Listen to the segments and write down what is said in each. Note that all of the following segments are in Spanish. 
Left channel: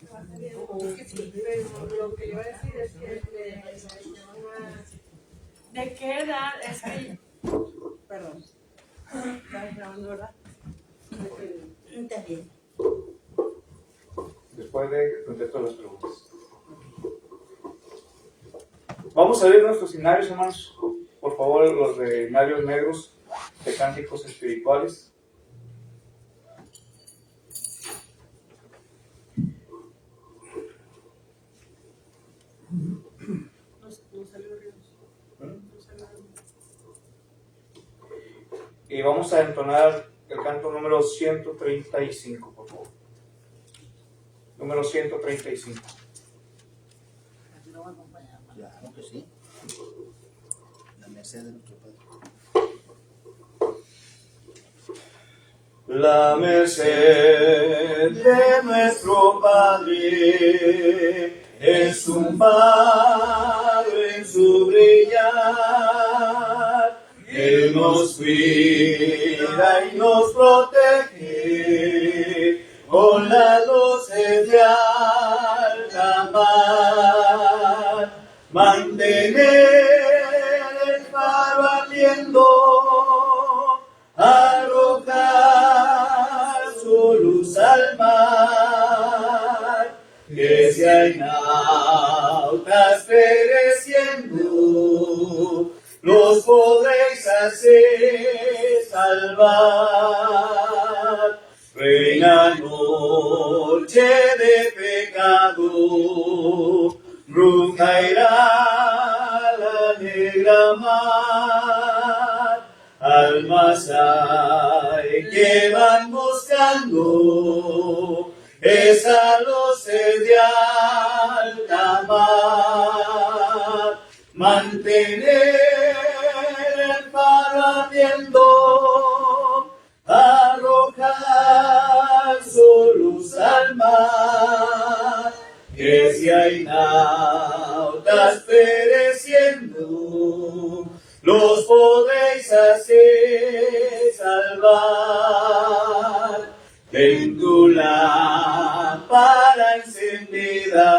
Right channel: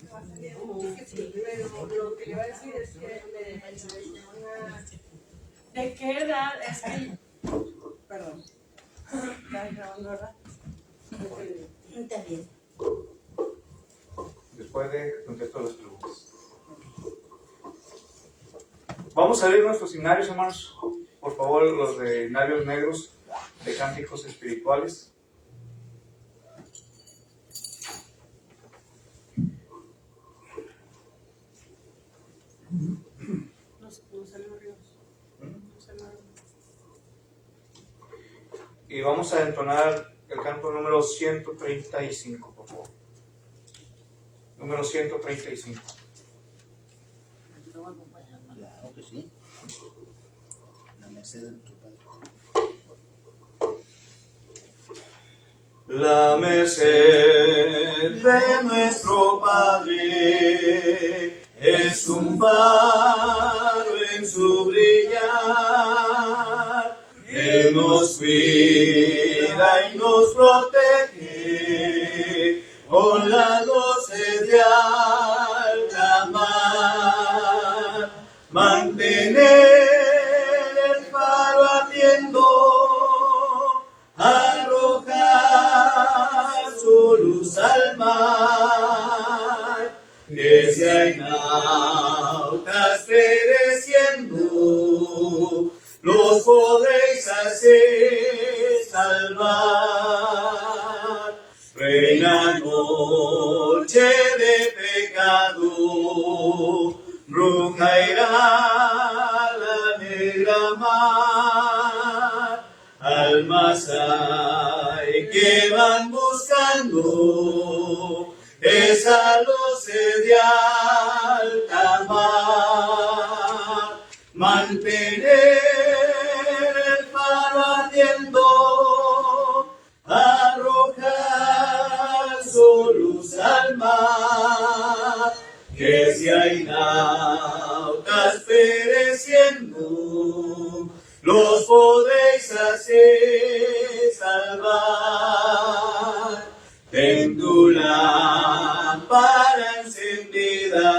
Pero lo que le iba a decir es que ¿de qué edad es que... Perdón. ¿Estás grabando, verdad? Está bien. Después de contestar las preguntas. Vamos a ver nuestros himnarios, hermanos. Por favor, los de himnarios negros de cánticos espirituales. No salió Ríos. Y vamos a entonar el canto número 135, por favor. Número 135. Claro que sí. La merced de nuestro Padre. La merced de nuestro Padre es un faro en su brillar. Él nos cuida y nos protege con las luces de alta mar. Mantener el faro ardiendo, arrojar su luz al mar, que si hay nautas pereciendo, los podréis hacer salvar. Reina noche de pecado, bruja irá la negra mar. Almas hay que van buscando esa luz de alta mar. Mantener el faro ardiendo, arrojar su luz al mar, que si hay nautas pereciendo, los podréis hacer salvar. En tu lámpara encendida,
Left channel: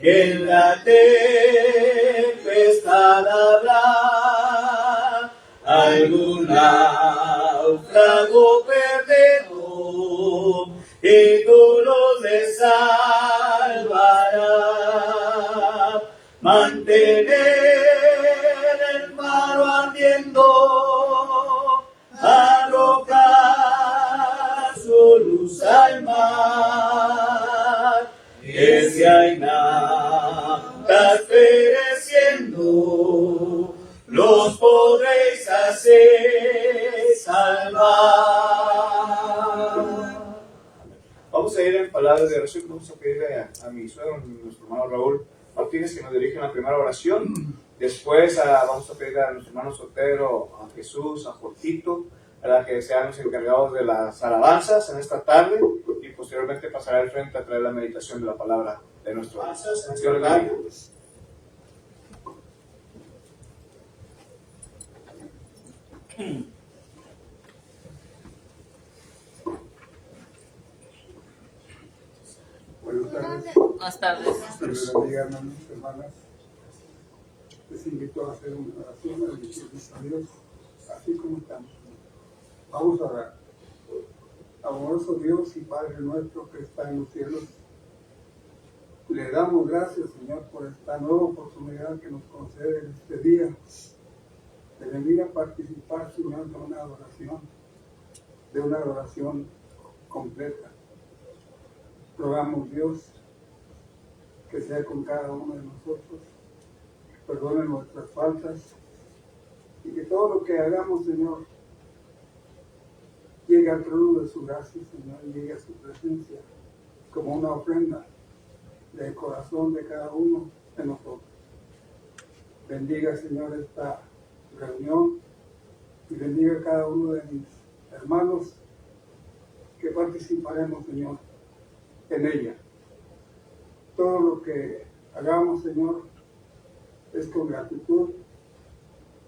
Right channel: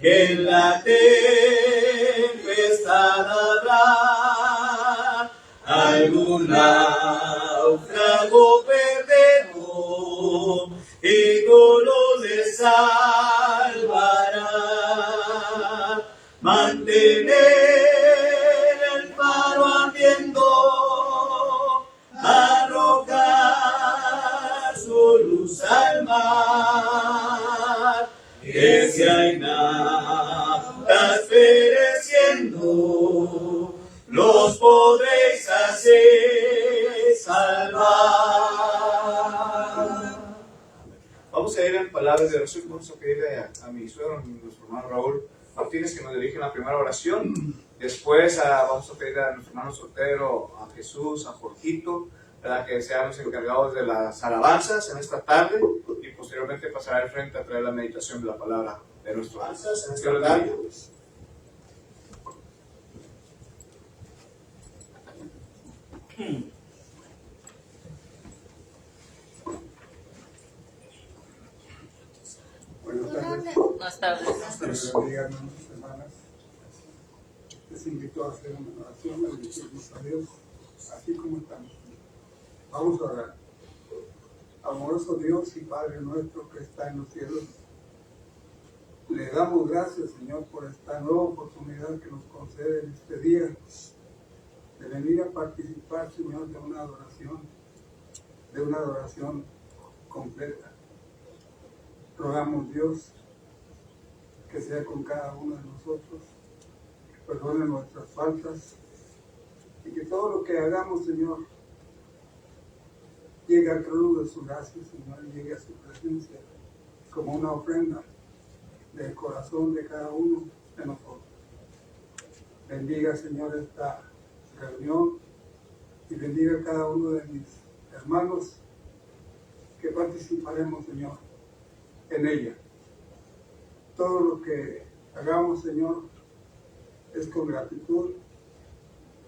en la tempestad habrá algún náufrago perdido, y tú los le salvarás. Mantener el faro ardiendo, arrojar su luz al mar, que si hay nautas pereciendo, los podréis hacer salvar. Vamos a ir en palabras de oración. Vamos a pedirle a mi suegro, nuestro hermano Raúl Martínez, que nos dirige la primera oración. Después vamos a pedirle a nuestro hermano Sotero, a Jesús, a Jorgito, que sean los encargados de las alabanzas en esta tarde, y posteriormente pasará al frente a traer la meditación de la palabra de nuestro Dios. Dios les bendiga. Buenas tardes. Buenas tardes. Dios bendiga, hermanos y hermanas. Les invito a hacer una oración, a bendecirnos a Dios, así como estamos. Vamos a orar. Amoroso Dios y Padre nuestro que está en los cielos, le damos gracias, Señor, por esta nueva oportunidad que nos concede en este día de venir a participar, Señor, de una adoración completa. Rogamos, Dios, que sea con cada uno de nosotros, que perdone nuestras faltas y que todo lo que hagamos, Señor, llegue al trono de su gracia, Señor, y llegue a su presencia como una ofrenda del corazón de cada uno de nosotros. Bendiga, Señor, esta reunión y bendiga a cada uno de mis hermanos que participaremos, Señor, en ella. Todo lo que hagamos, Señor, es con gratitud,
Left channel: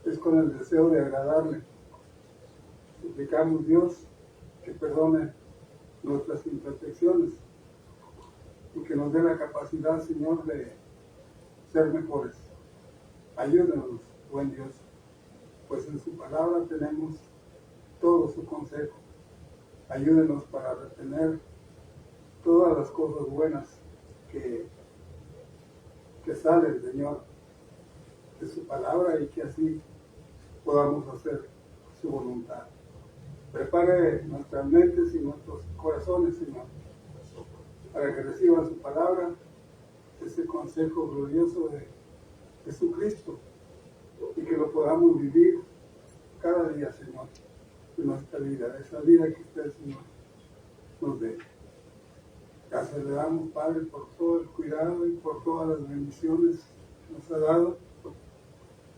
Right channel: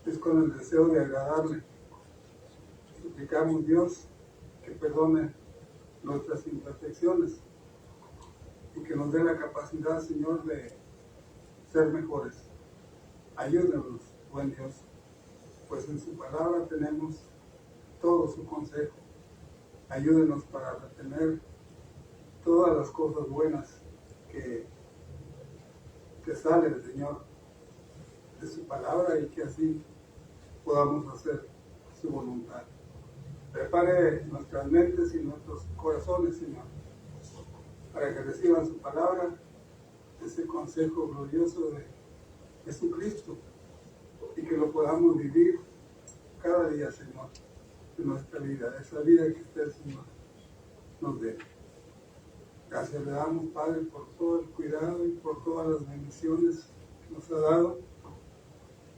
es con el deseo de agradarle. Suplicamos, Dios, que perdone nuestras imperfecciones nos dé la capacidad, Señor, de ser mejores. Ayúdenos, buen Dios, pues en su palabra tenemos todo su consejo. Ayúdenos para retener todas las cosas buenas que salen, Señor, de su palabra, y que así podamos hacer su voluntad. Prepare nuestras mentes y nuestros corazones, Señor, para que reciban su palabra, ese consejo glorioso de Jesucristo, y que lo podamos vivir cada día, Señor, en nuestra vida, esa vida que usted, Señor, nos dé. Gracias le damos, Padre, por todo el cuidado y por todas las bendiciones que nos ha dado.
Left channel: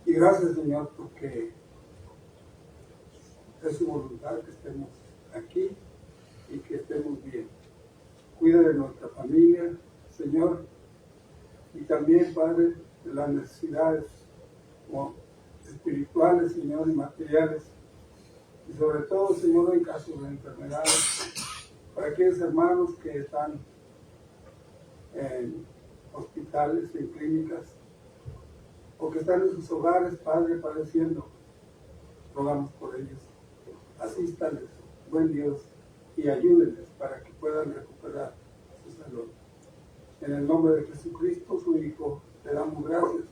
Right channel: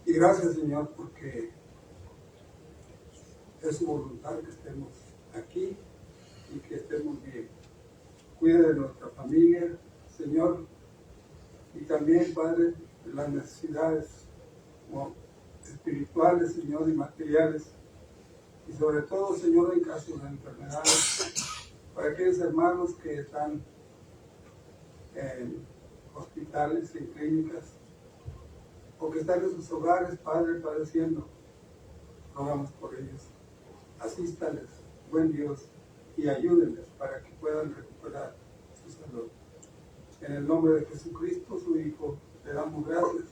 Y gracias, Señor, porque es su voluntad que estemos aquí y que estemos bien. Cuida de nuestra familia, Señor, y también, Padre, de las necesidades espirituales, Señor, y materiales. Y sobre todo, Señor, en casos de enfermedades, para aquellos hermanos que están en hospitales, en clínicas, o que están en sus hogares, Padre, padeciendo, rogamos por ellos. Asístales, buen Dios, y ayúdenles para que puedan recuperar su salud. En el nombre de Jesucristo, su Hijo, le damos gracias,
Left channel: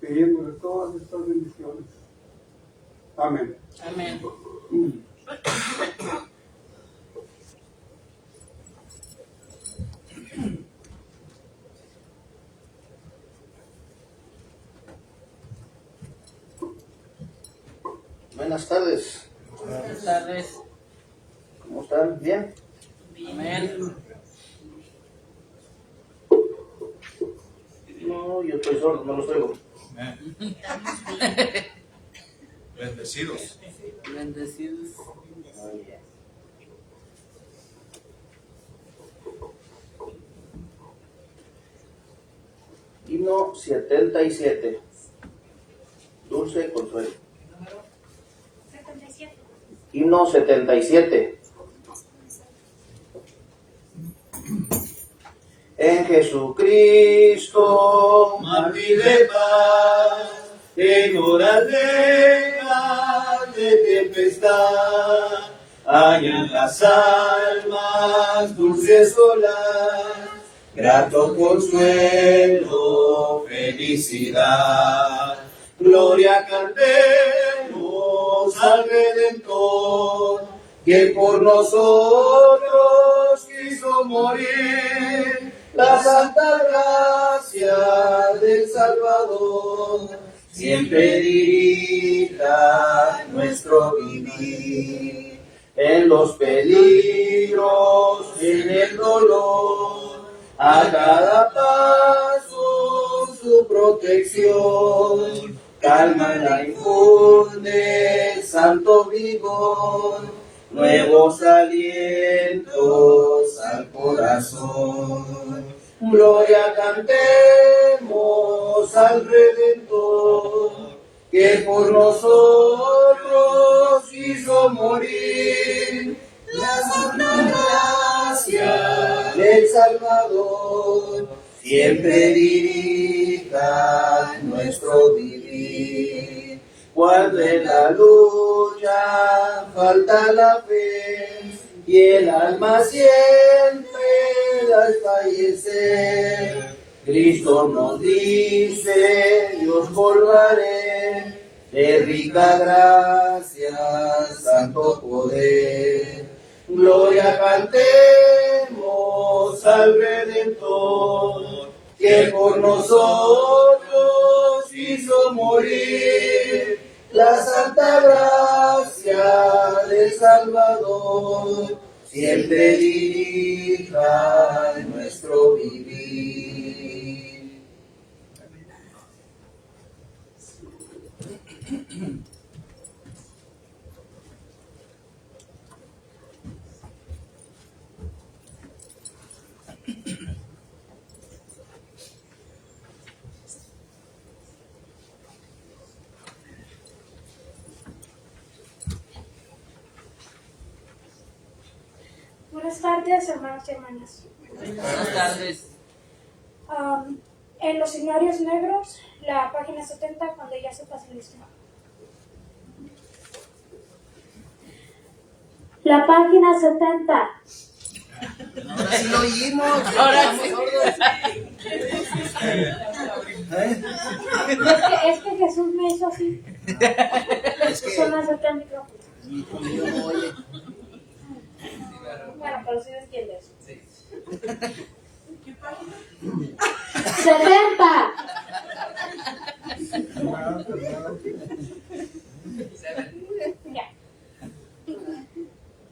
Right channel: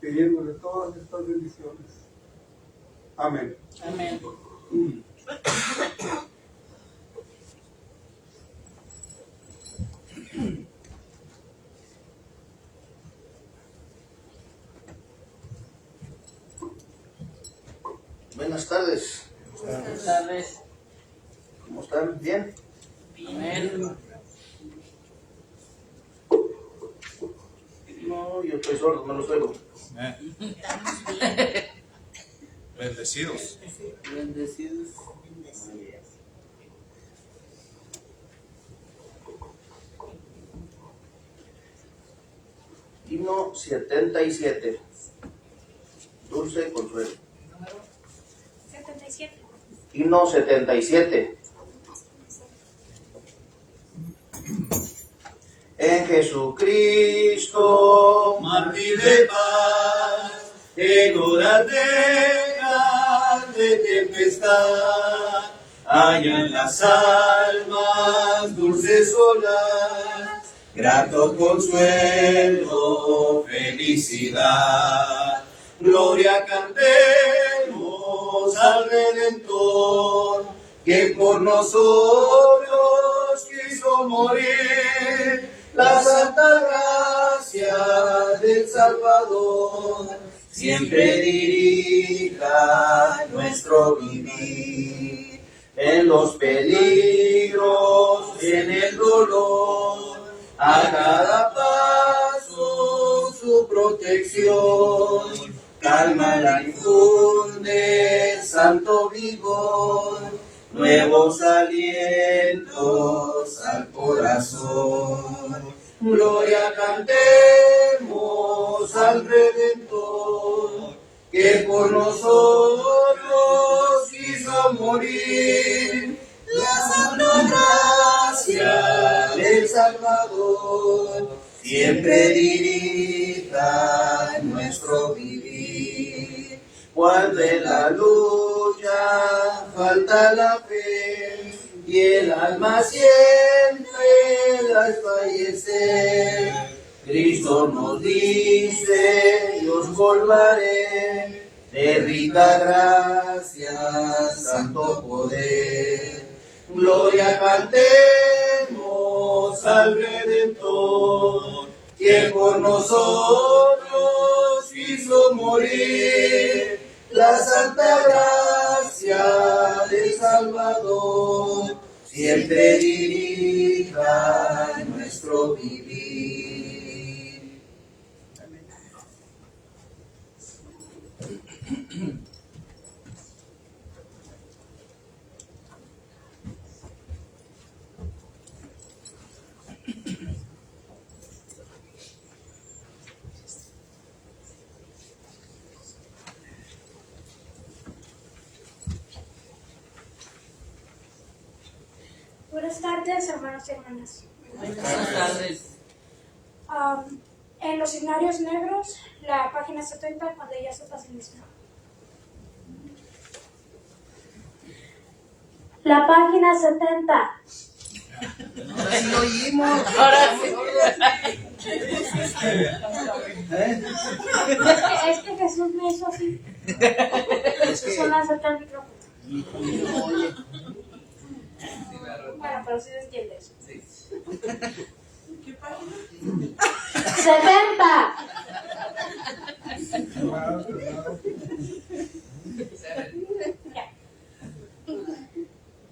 pidiéndole todas estas bendiciones. Amén. Amén. Buenas tardes. Buenas tardes. ¿Cómo están? ¿Bien? Bien. No, yo estoy sordo, no los oigo. Bendecidos. Bendecidos. Himno 77. Dulce Consuelo. 77. Himno 77. En Jesucristo, mártir de paz, en horas de grande tempestad, hallan las almas dulces olas, grato consuelo, felicidad. Gloria cantemos al Redentor, que por nosotros quiso morir. La santa gracia del Salvador siempre dirija nuestro vivir. En los peligros, en el dolor, a cada paso su protección. Calma la infunde, santo vigor, nuevos alientos al corazón. Gloria cantemos al Redentor, que por nosotros quiso morir. La santa gracia del Salvador siempre dirija nuestro vivir. Cuando en la lucha falta la fe y el alma siempre la desfallecer, Cristo nos dice: yo os colgaré de rica gracia, santo poder. Gloria cantemos al Redentor, que por nosotros quiso morir. La santa gracia del Salvador siempre dirija nuestro vivir. Buenas tardes, hermanos y hermanas. Buenas tardes. en los escenarios negros, la página 70, cuando ya se pase lista. La página 70. Ahora sí lo oímos. Ahora sí. Es que Jesús me hizo así. Es que Son las 70 micrófonos. mi hijo mío no oye. Bueno, pero sí lo entiendes. Sí. 70. Ya.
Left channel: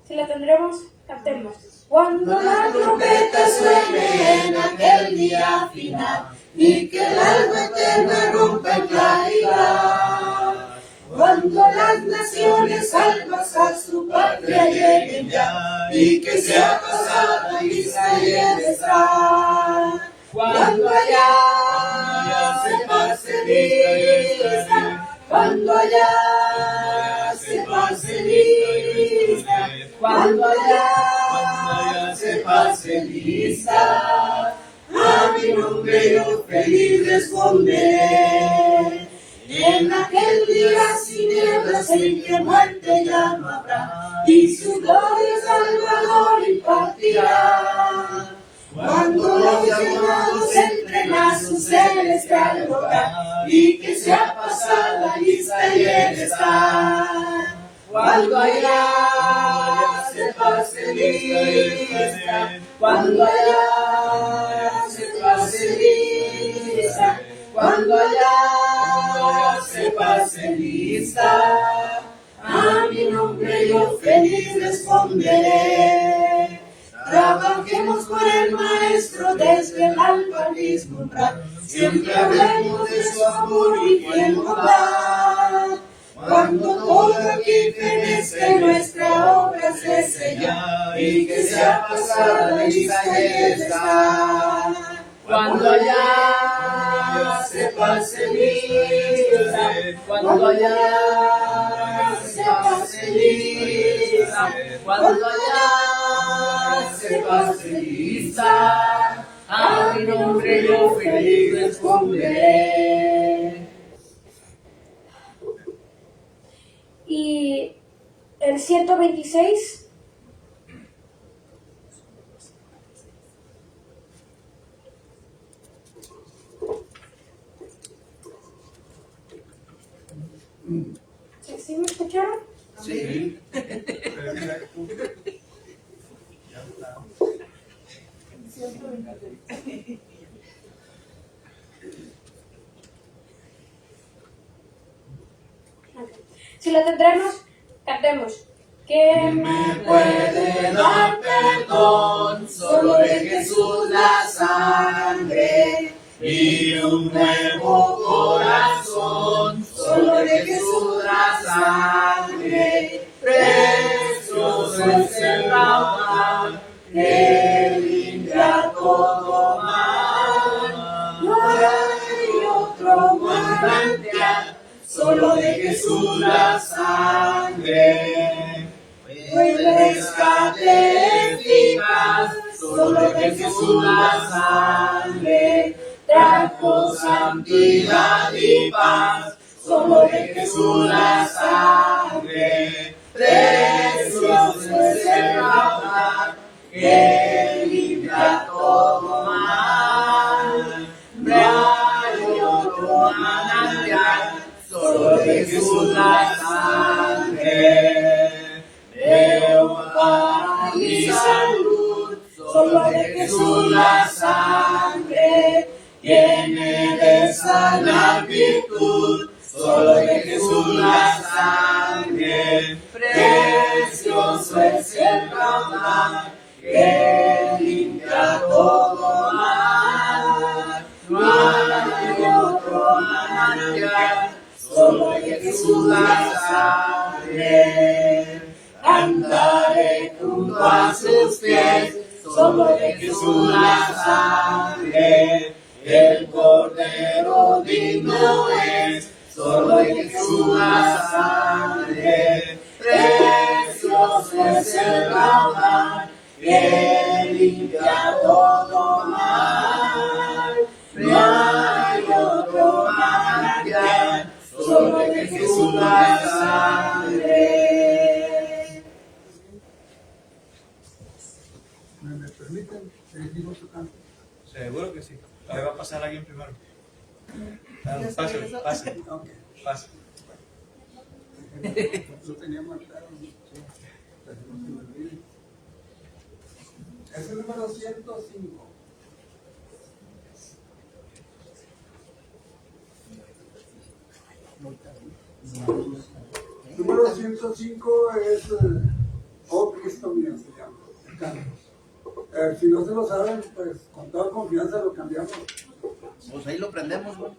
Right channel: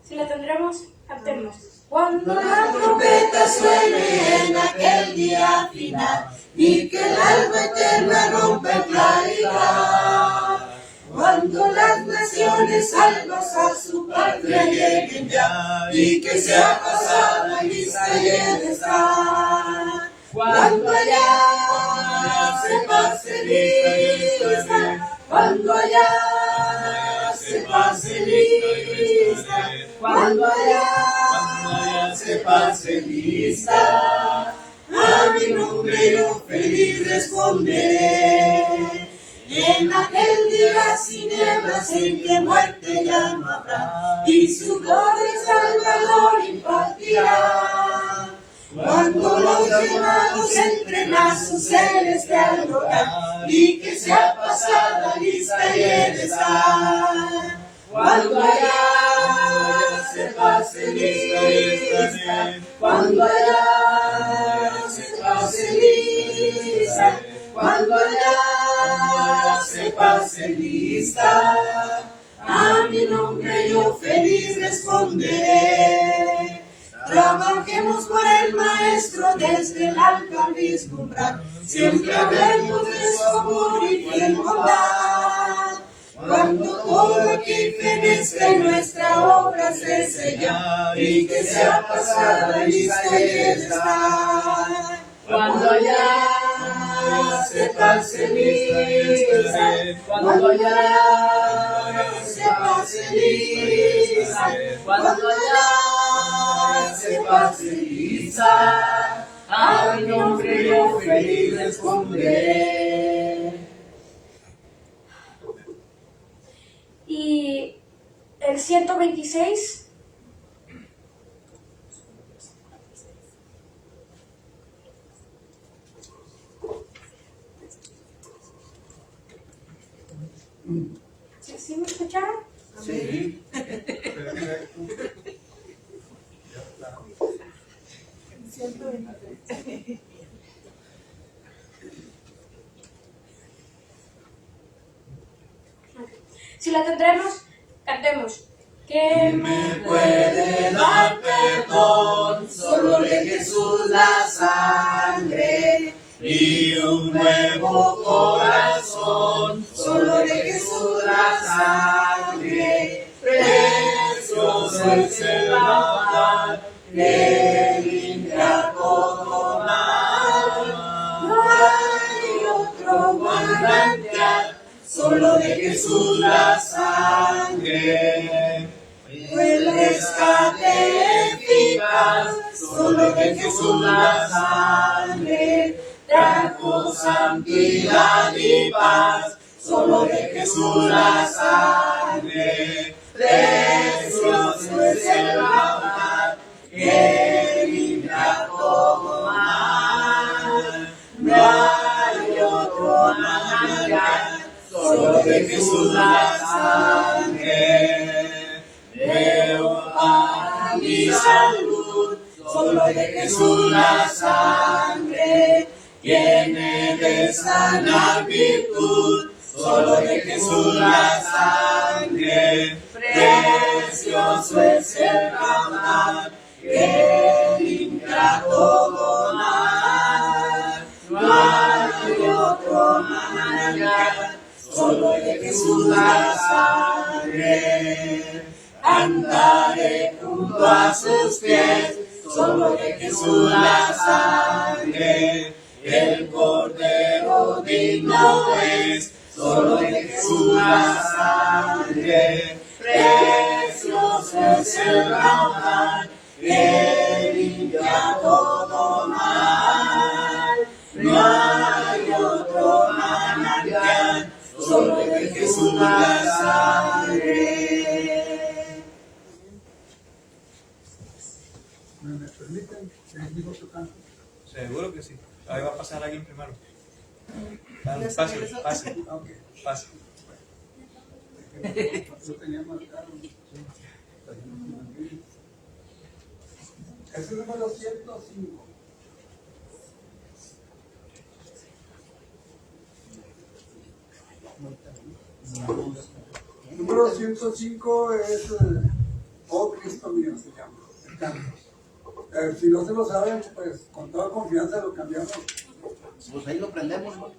Si la tendremos, captemos. Cuando la trompeta suene en aquel día final y que el alba eterna rompa en claridad, cuando las naciones salvas a su patria lleguen ya y que sea pasada lista y estar, cuando allá se pase lista, cuando allá se pase lista, cuando allá se pase lista, a mi nombre yo feliz responderé. En aquel día sin nieblas en que muerte ya no habrá, y su gloria Salvador impartirá. Cuando los llamados entren a su celestial hogar, y que sea pasada lista y el estar. Cuando allá se pase lista, cuando allá se pase lista, cuando allá se pase lista, a mi nombre yo feliz responderé. Trabajemos por el Maestro desde el alba al vislumbrar, siempre hablemos de su amor y fiel bondad. Cuando todo aquí fenezca nuestra obra se sella y que sea pasada lista y estar. Cuando allá se pase lista, cuando allá se pase lista, cuando allá se pase lista, a mi nombre yo feliz responderé. Y el 126. ¿Sí me escucharon? Sí. Si la tendremos, cantemos. Que me puede dar perdón, solo de Jesús la sangre y un nuevo corazón, solo de Jesús la sangre. Precioso es el lavar que limpia todo mal. No hay otro manantial, solo de Jesús la sangre. El rescate eficaz, solo de Jesús la sangre. Trajo santidad y paz, solo de Jesús la sangre. Precioso es el lavar que limpia todo mal. No hay otro manantial, solo de Jesús la sangre. Veo para mi salud, solo de Jesús la sangre. Tiene de sana virtud, solo de Jesús la sangre. Precioso es el lavar que limpia todo mal. No hay otro manantial, solo de Jesús la sangre. Andaré junto a sus pies, solo de Jesús la sangre. El Cordero digno es, solo de Jesús la sangre. Precioso es el lavar que limpia todo mal. permiten seguir otro canto. Seguro que sí. Ahí va a pasar alguien primero. Pase, pase, Ok. pase. Lo tenía marcado. Es el número 105. Número 105 es Oh Cristo mío, se llama el canto. Si no se lo saben, pues con toda confianza lo cambiamos. Pues ahí lo prendemos, güey.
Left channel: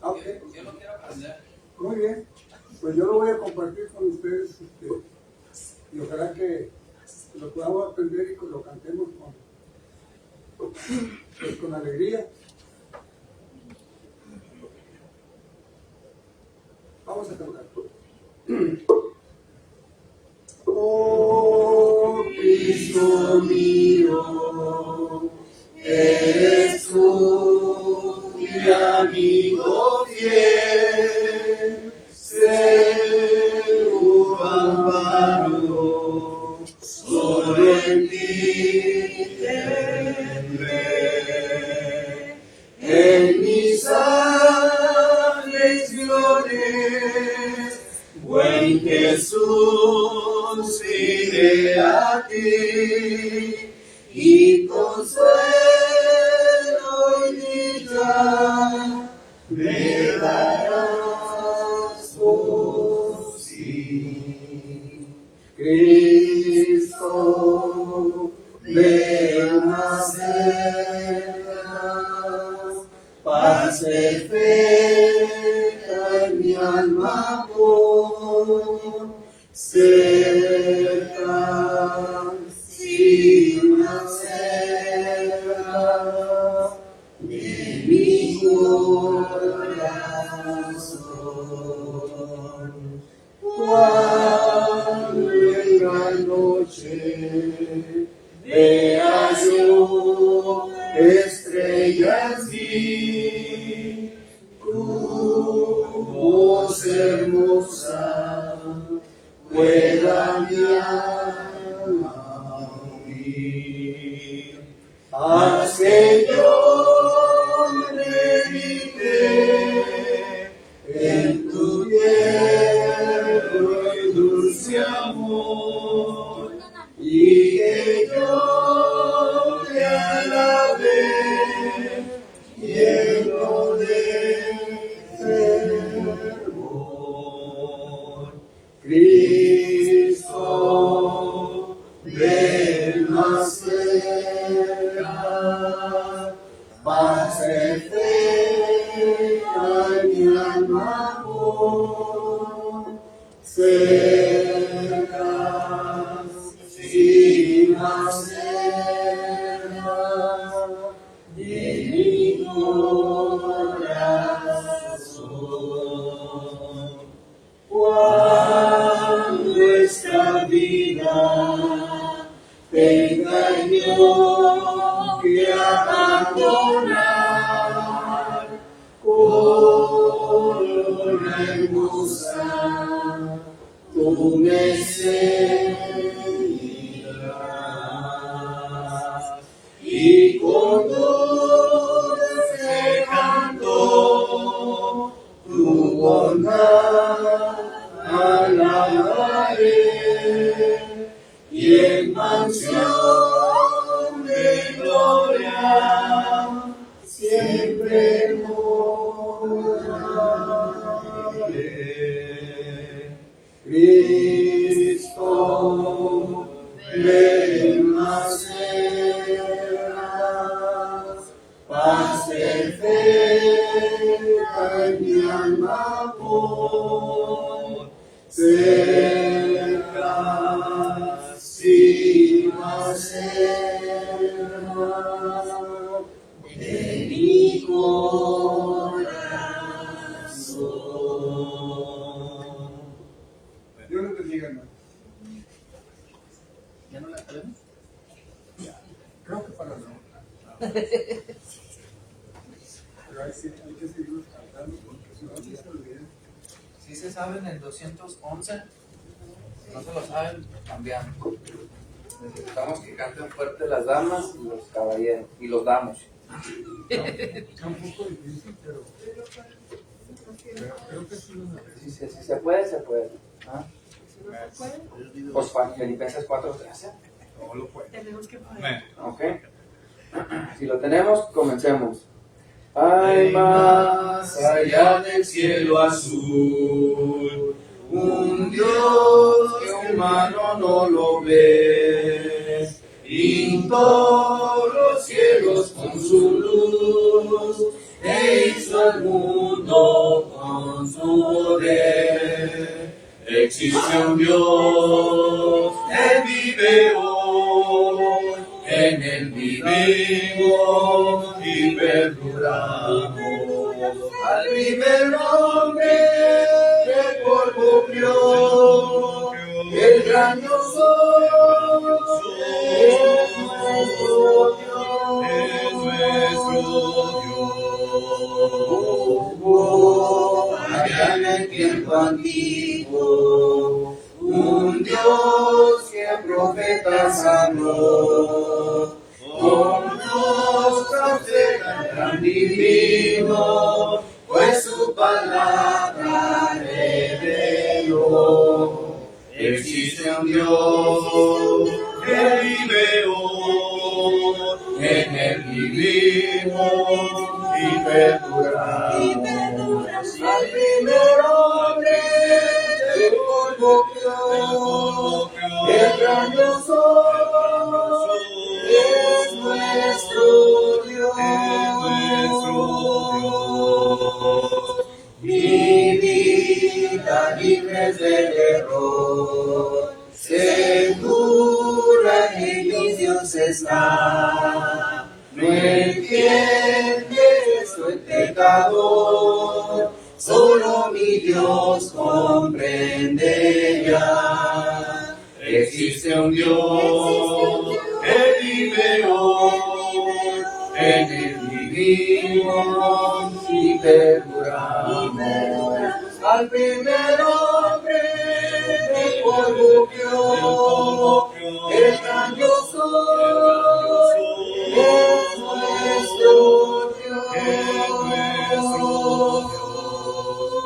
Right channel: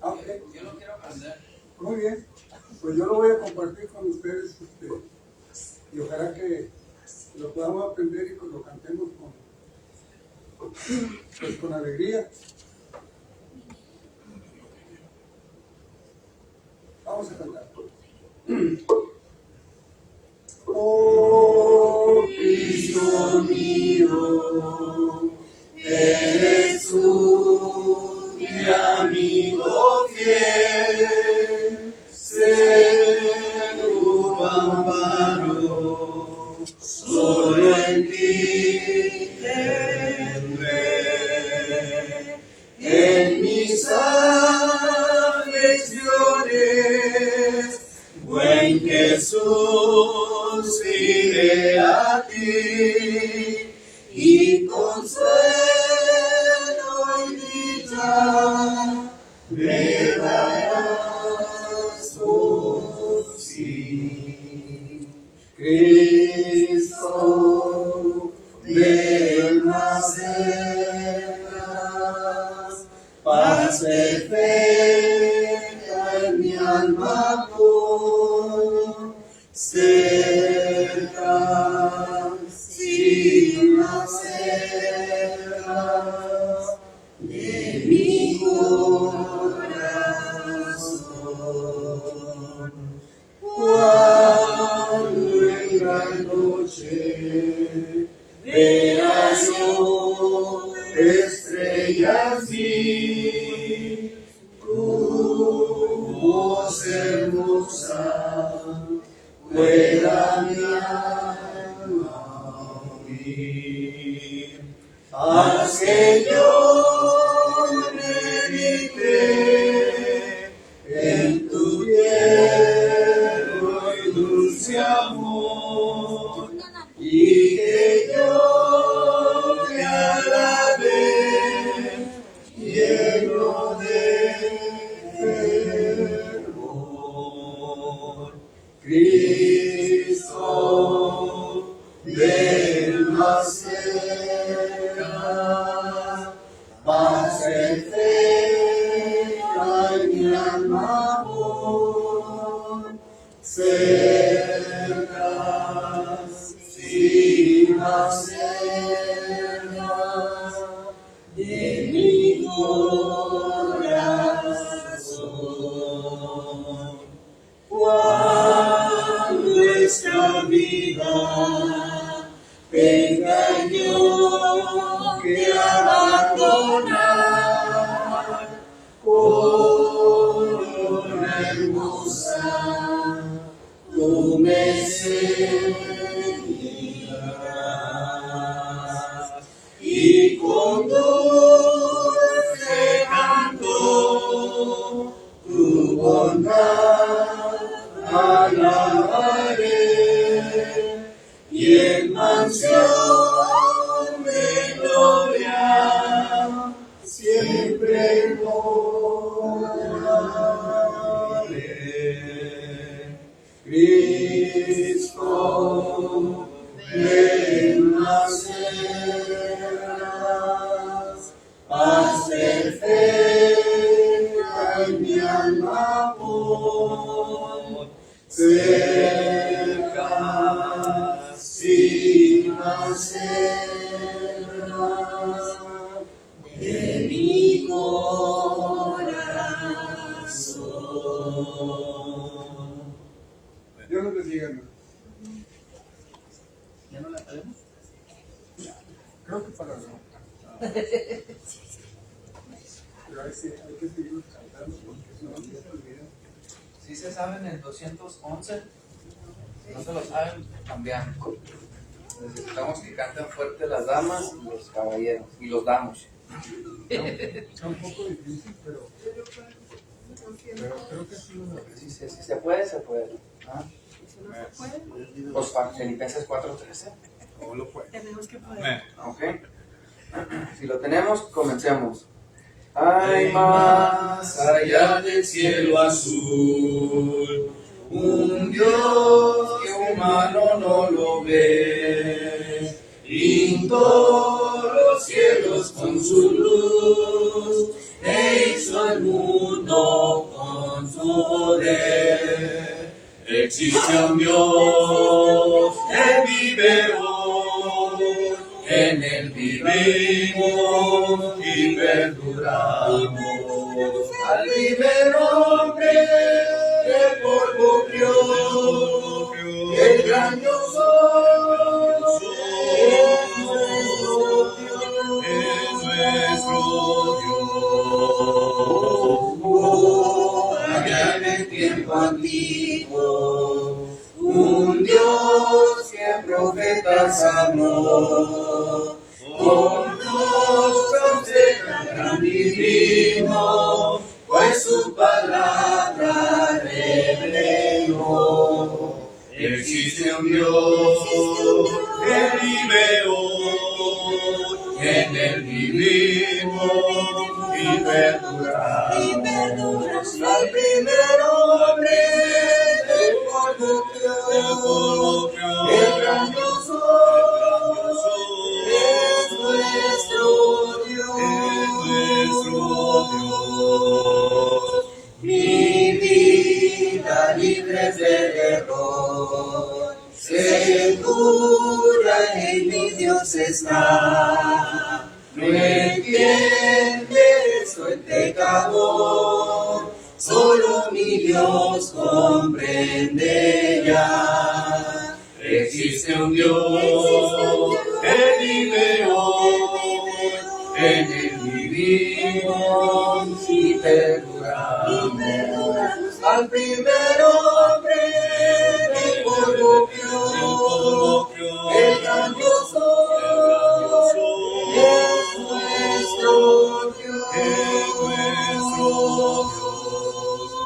Ah, ok. Yo lo quiero aprender. Muy bien. Pues yo lo voy a compartir con ustedes y ojalá que lo podamos aprender y que lo cantemos con alegría. Vamos a cantar. Oh Cristo mío, eres tú mi amigo fiel, seguro amparo, solo en ti tendré, en mis aflicciones, buen Jesús, iré a ti y consuelo y dicha me darás por sí. Cristo, ven más cerca, paz perfecta en mi alma por cerca, sin más cerca de mi corazón. Cuando en la noche vea yo estrellas vi, tu voz hermosa pueda mi alma oír. Haz que yo medite en tu tierno y dulce amor, y que yo te alabe lleno de fervor. Cristo, ven más cerca, paz perfecta en mi alma por cerca, sin más cerca de mi corazón. Cuando esta vida tenga yo que abandonar, corona hermosa, tú me ceñirás, y con dulce canto tu bondad alabaré, y en mansión de gloria siempre moraré. Cristo, ven más cerca, paz perfecta en mi alma por cerca, sin más cerca de mi corazón. Dios les bendiga, hermano. ¿Ya no la tenemos? Creo que para no. Pero hay que seguir cantando porque si no se olvida. Si se saben el 211, no se lo saben, cambian. Necesitamos que canten fuerte las damas y los caballeros, y los damos. Está un poco difícil, pero creo que sí lo logré. Si se puede, se puede. ¿Ah? Si no se puede, Pues Filipenses 4:13. No lo puede. tenemos que poder. Ok. Si lo tenemos, comencemos. Hay más allá del cielo azul, un Dios que humano no lo ve, pintó los cielos con su luz, e hizo al mundo con su poder. Existe un Dios que vive hoy, en él vivimos y perduramos. Al primer hombre del polvo crió, el gran yo soy, es nuestro Dios, allá en el tiempo antiguo, un Dios que a profetas sanó, con rostros de gran divino, pues su palabra reveló. Existe un Dios que vive hoy, en él vivimos y perduramos. Al primer hombre del polvo crió, el gran yo soy, es nuestro Dios. Mi vida libre del error, segura en mi Dios está. No entiende, soy pecador, solo mi Dios comprende ya. Existe un Dios que vive hoy, en él vivimos y perduramos. Al primer hombre del polvo crió, el gran yo soy, es nuestro Dios.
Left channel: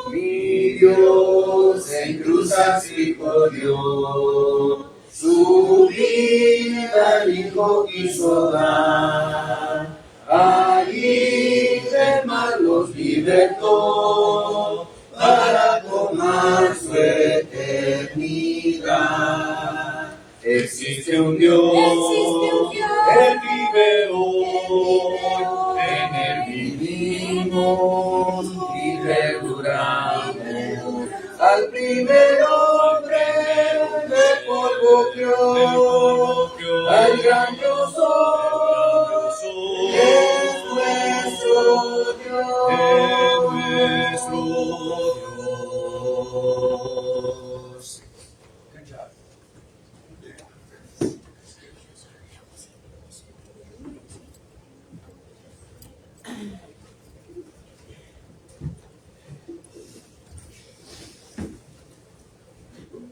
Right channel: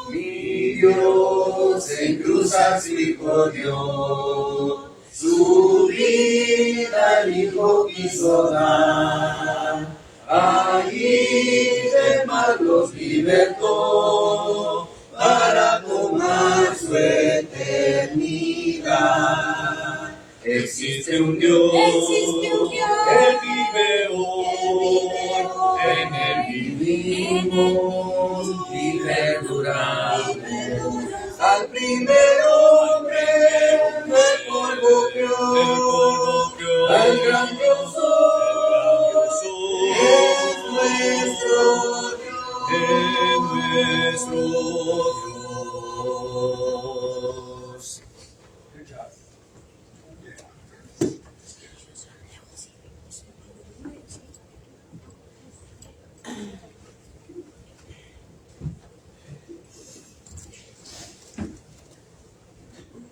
Mi Dios en cruz sacrificó Dios, su vida el Hijo quiso dar, allí del mal los libertó, para tomar su eternidad. Existe un Dios, Él vive hoy, en él vivimos y perduramos. Al primer hombre del polvo crió, al gran yo soy, es nuestro Dios.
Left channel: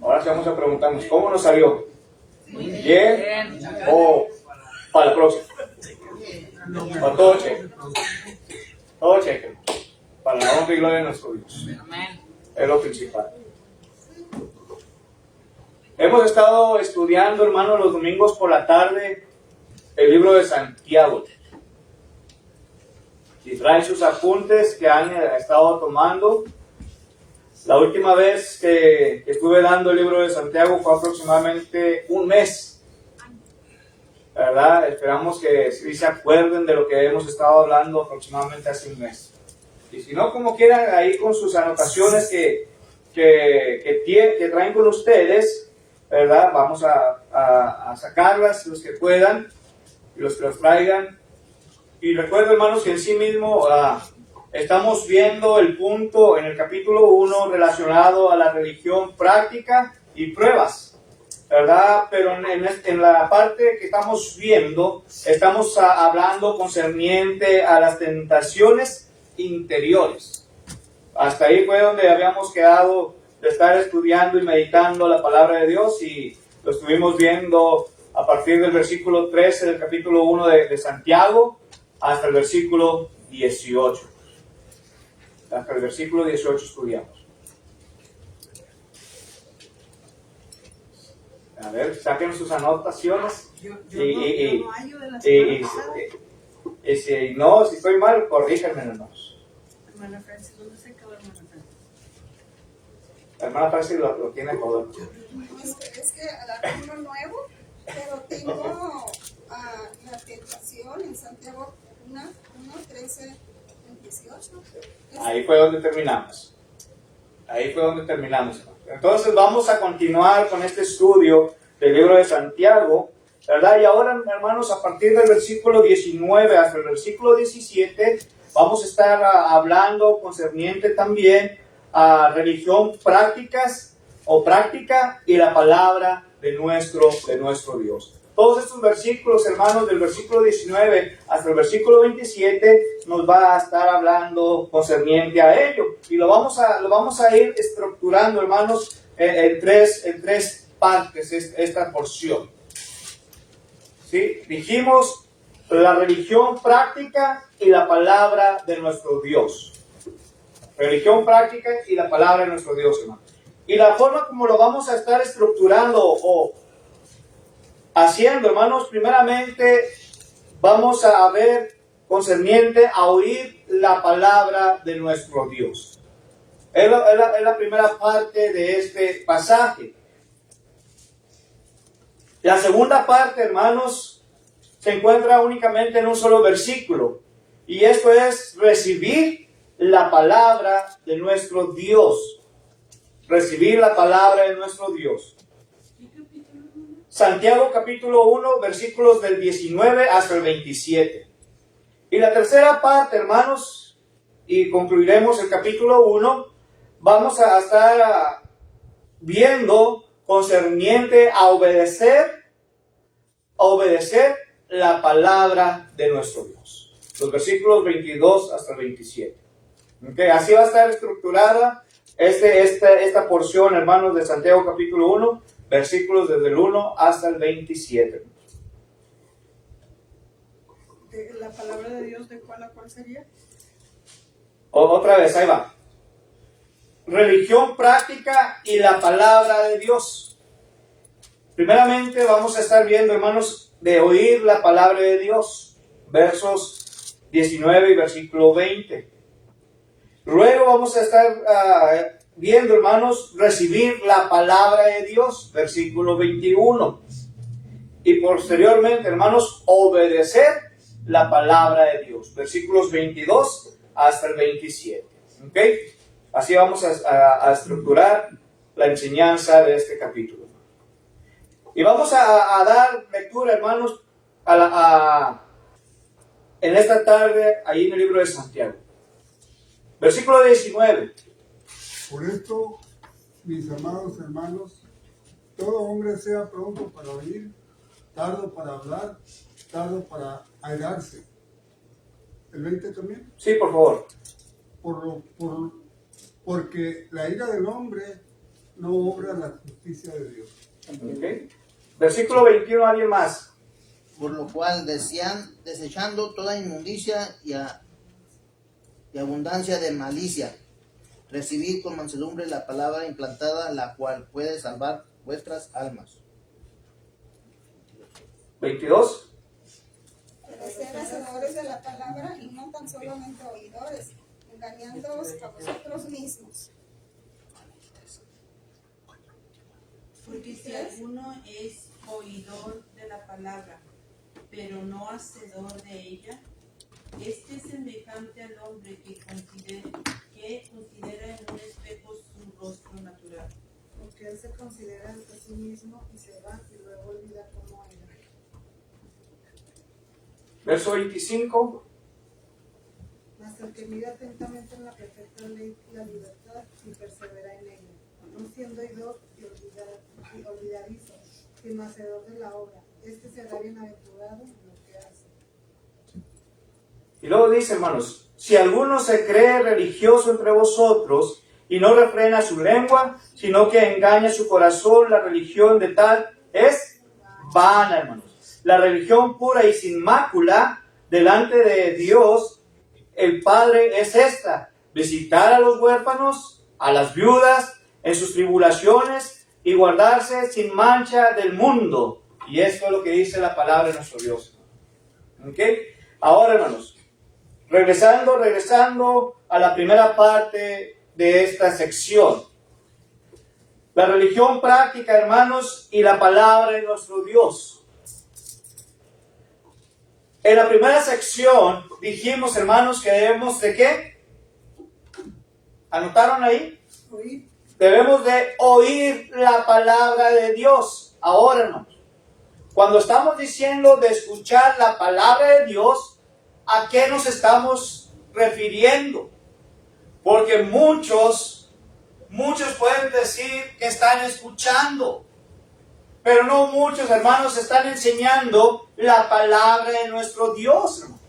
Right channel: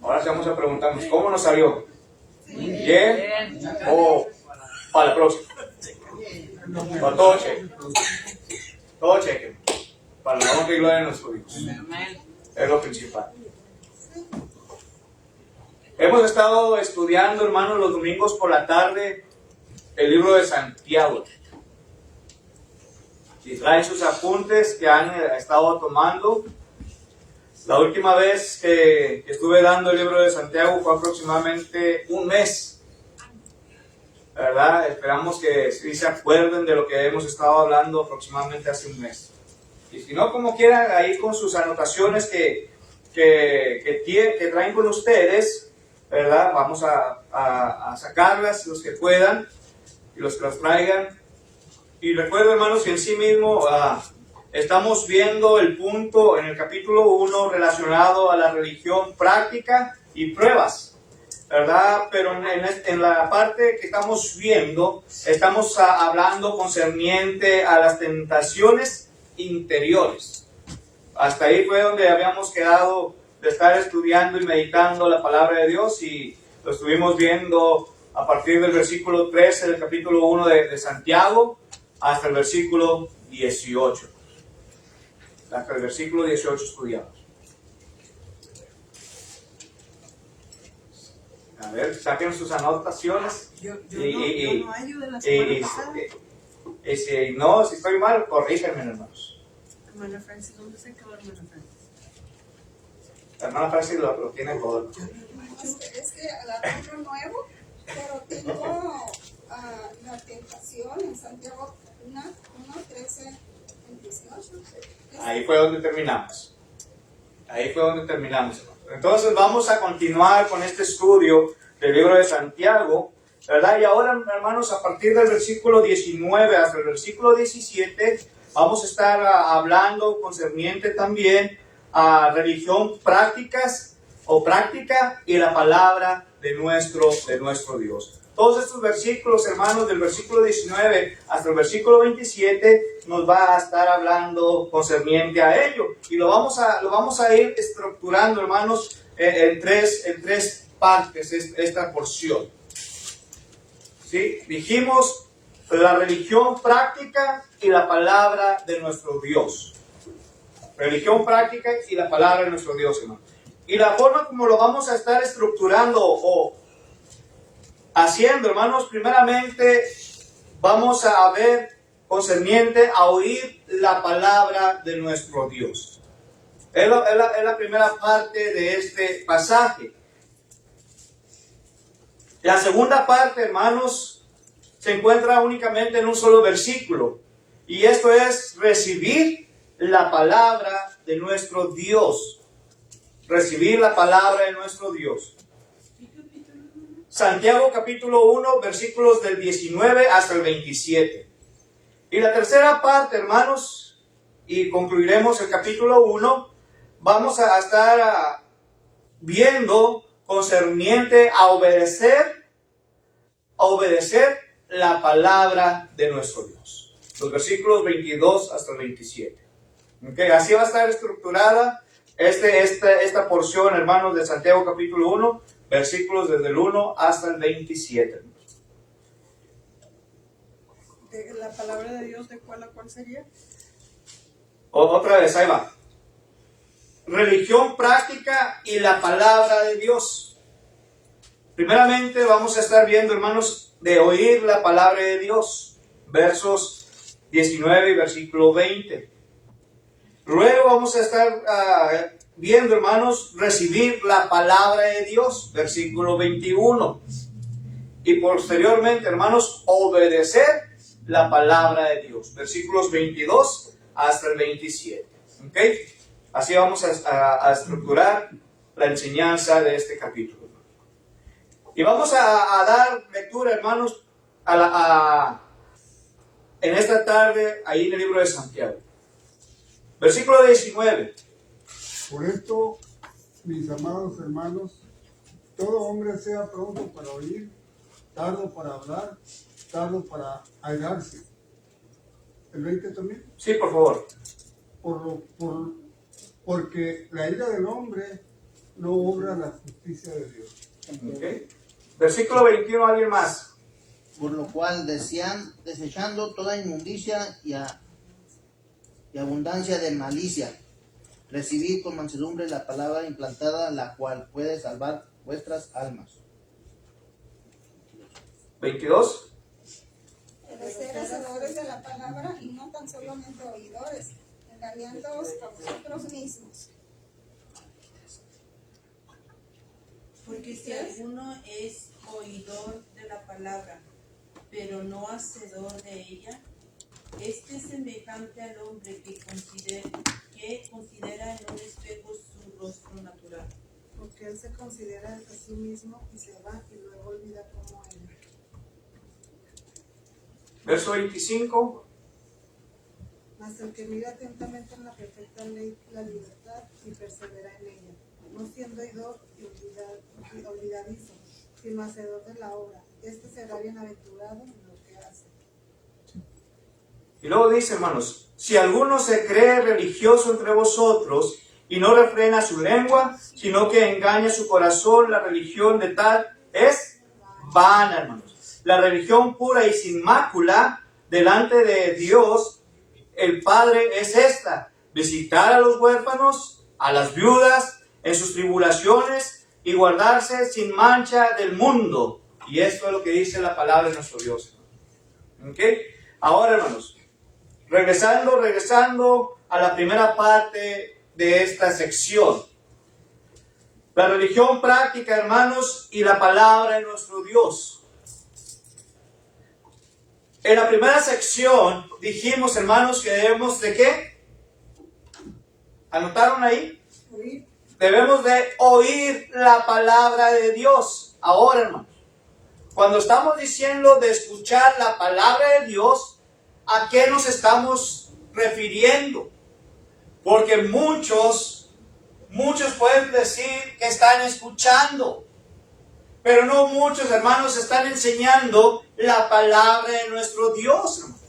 Ahora sí vamos a preguntarnos, ¿cómo nos salió? ¿Bien? ¿O para la próxima? Para todo cheque. Todo cheque. Para la honra y gloria de nuestro Dios. Es lo principal. Hemos estado estudiando, hermanos, los domingos por la tarde, el libro de Santiago. Si traen sus apuntes que han estado tomando, la última vez que estuve dando el libro de Santiago fue aproximadamente un mes, ¿verdad? Esperamos que sí se acuerden de lo que hemos estado hablando aproximadamente hace un mes. Y si no, como quieran, ahí con sus anotaciones que traen con ustedes, ¿verdad? Vamos a sacarlas, los que puedan, y los que los traigan. Y recuerdo, hermanos, que en sí mismo estamos viendo el punto en el capítulo 1 relacionado a la religión práctica y pruebas, ¿verdad? Pero en la parte que estamos viendo, estamos hablando concerniente a las tentaciones interiores. Hasta ahí fue donde habíamos quedado de estar estudiando y meditando la palabra de Dios, y lo estuvimos viendo a partir del versículo 13 del capítulo 1 de Santiago hasta el versículo 18. Hasta el versículo 18 estudiamos. A ver, saquen sus anotaciones. Yo Y- no hallo de la semana pasada. Y si no, si estoy mal, corríjanme, hermanos. Hermana Francis, ¿dónde se acabó hermana Francis? La hermana Francis lo tiene todo. Es que agarré uno nuevo, pero tengo la tentación en Santiago 1, 13, 18. Ahí fue donde terminamos. Hermanos. Entonces vamos a continuar con este estudio del libro de Santiago, ¿verdad? Y ahora, hermanos, a partir del versículo 19 hasta el versículo 17, vamos a estar hablando concerniente también a religión práctica y la palabra de nuestro Dios. Todos estos versículos, hermanos, del versículo 19 hasta el versículo 27, nos va a estar hablando concerniente a ello. Y lo vamos a ir estructurando, hermanos, en tres partes, esta porción. ¿Sí? Dijimos la religión práctica y la palabra de nuestro Dios. Religión práctica y la palabra de nuestro Dios, hermano. Y la forma como lo vamos a estar estructurando o haciendo, hermanos, primeramente vamos a ver concerniente a oír la palabra de nuestro Dios. Es la primera parte de este pasaje. La segunda parte, hermanos, se encuentra únicamente en un solo versículo. Y esto es recibir la palabra de nuestro Dios. Recibir la palabra de nuestro Dios. Santiago capítulo 1, versículos del 19 hasta el 27. Y la tercera parte, hermanos, y concluiremos el capítulo 1, vamos a estar viendo concerniente a obedecer la palabra de nuestro Dios. Los versículos 22 hasta el 27. ¿Okay? Así va a estar estructurada esta porción, hermanos, de Santiago capítulo 1, versículos desde el 1 hasta el 27. ¿La palabra de Dios de cuál a cuál sería? Otra vez, ahí va. Religión práctica y la palabra de Dios. Primeramente vamos a estar viendo, hermanos, de oír la palabra de Dios. Versos 19 y versículo 20. Luego vamos a estar viendo, hermanos, recibir la palabra de Dios. Versículo 21. Y posteriormente, hermanos, obedecer la palabra de Dios. Versículos 22 hasta el 27. ¿Ok? Así vamos a estructurar la enseñanza de este capítulo. Y vamos a dar lectura, hermanos, en esta tarde, ahí en el libro de Santiago. Versículo 19. Por esto, mis amados hermanos, todo hombre sea pronto para oír, tardo para hablar, tardo para airarse. ¿El 20 también? Sí, por favor. Porque la ira del hombre no obra la justicia de Dios. Okay. Versículo 21, ¿alguien más? Por lo cual desechando toda inmundicia y abundancia de malicia, recibid con mansedumbre la palabra implantada, la cual puede salvar vuestras almas. 22. Pero ser hacedores de la palabra y no tan solamente oidores, engañándoos a vosotros mismos. Porque si alguno es oidor de la palabra, pero no hacedor de ella, este es semejante al hombre que considera en un espejo su rostro natural. Porque él se considera a sí mismo y se va y luego olvida cómo era. Verso 25. Mas el que mira atentamente en la perfecta ley, la libertad, y persevera en ella, no siendo oidor y olvidadizo, sino hacedor de la obra, este será bienaventurado en lo que hace. Y luego dice, hermanos, si alguno se cree religioso entre vosotros y no refrena su lengua, sino que engaña su corazón, la religión de tal es vana, hermanos. La religión pura y sin mácula delante de Dios, el Padre, es esta: visitar a los huérfanos, a las viudas, en sus tribulaciones y guardarse sin mancha del mundo. Y esto es lo que dice la palabra de nuestro Dios. ¿Ok? Ahora, hermanos, regresando a la primera parte de esta sección. La religión práctica, hermanos, y la palabra de nuestro Dios. En la primera sección dijimos, hermanos, que debemos de ¿qué? ¿Anotaron ahí? Oír. Debemos de oír la palabra de Dios. Ahora, hermanos, cuando estamos diciendo de escuchar la palabra de Dios, ¿a qué nos estamos refiriendo? Porque muchos pueden decir que están escuchando, pero no muchos, hermanos, están enseñando la palabra de nuestro Dios, hermanos.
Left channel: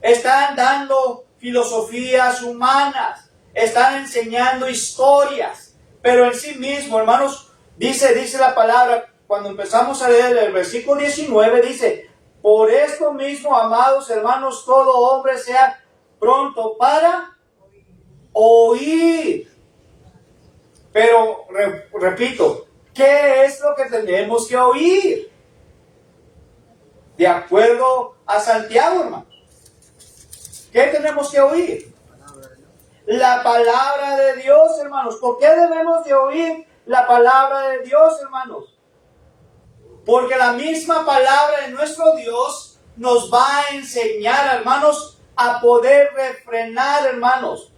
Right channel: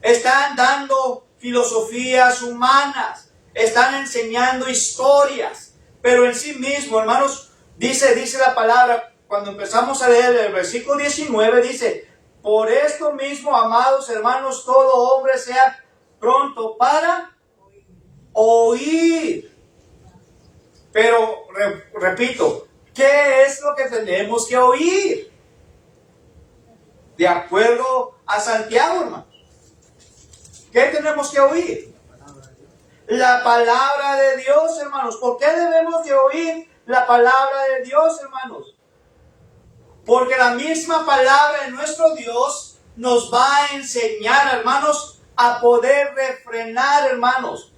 Están dando filosofías humanas, están enseñando historias, pero en sí mismo, hermanos, dice la palabra, cuando empezamos a leer el versículo 19, dice: por esto mismo, amados hermanos, todo hombre sea pronto para oír. Pero, repito, ¿qué es lo que tenemos que oír? De acuerdo a Santiago, hermanos, ¿qué tenemos que oír? La palabra de Dios, hermanos. ¿Por qué debemos de oír la palabra de Dios, hermanos? Porque la misma palabra de nuestro Dios nos va a enseñar, hermanos, a poder refrenar, hermanos.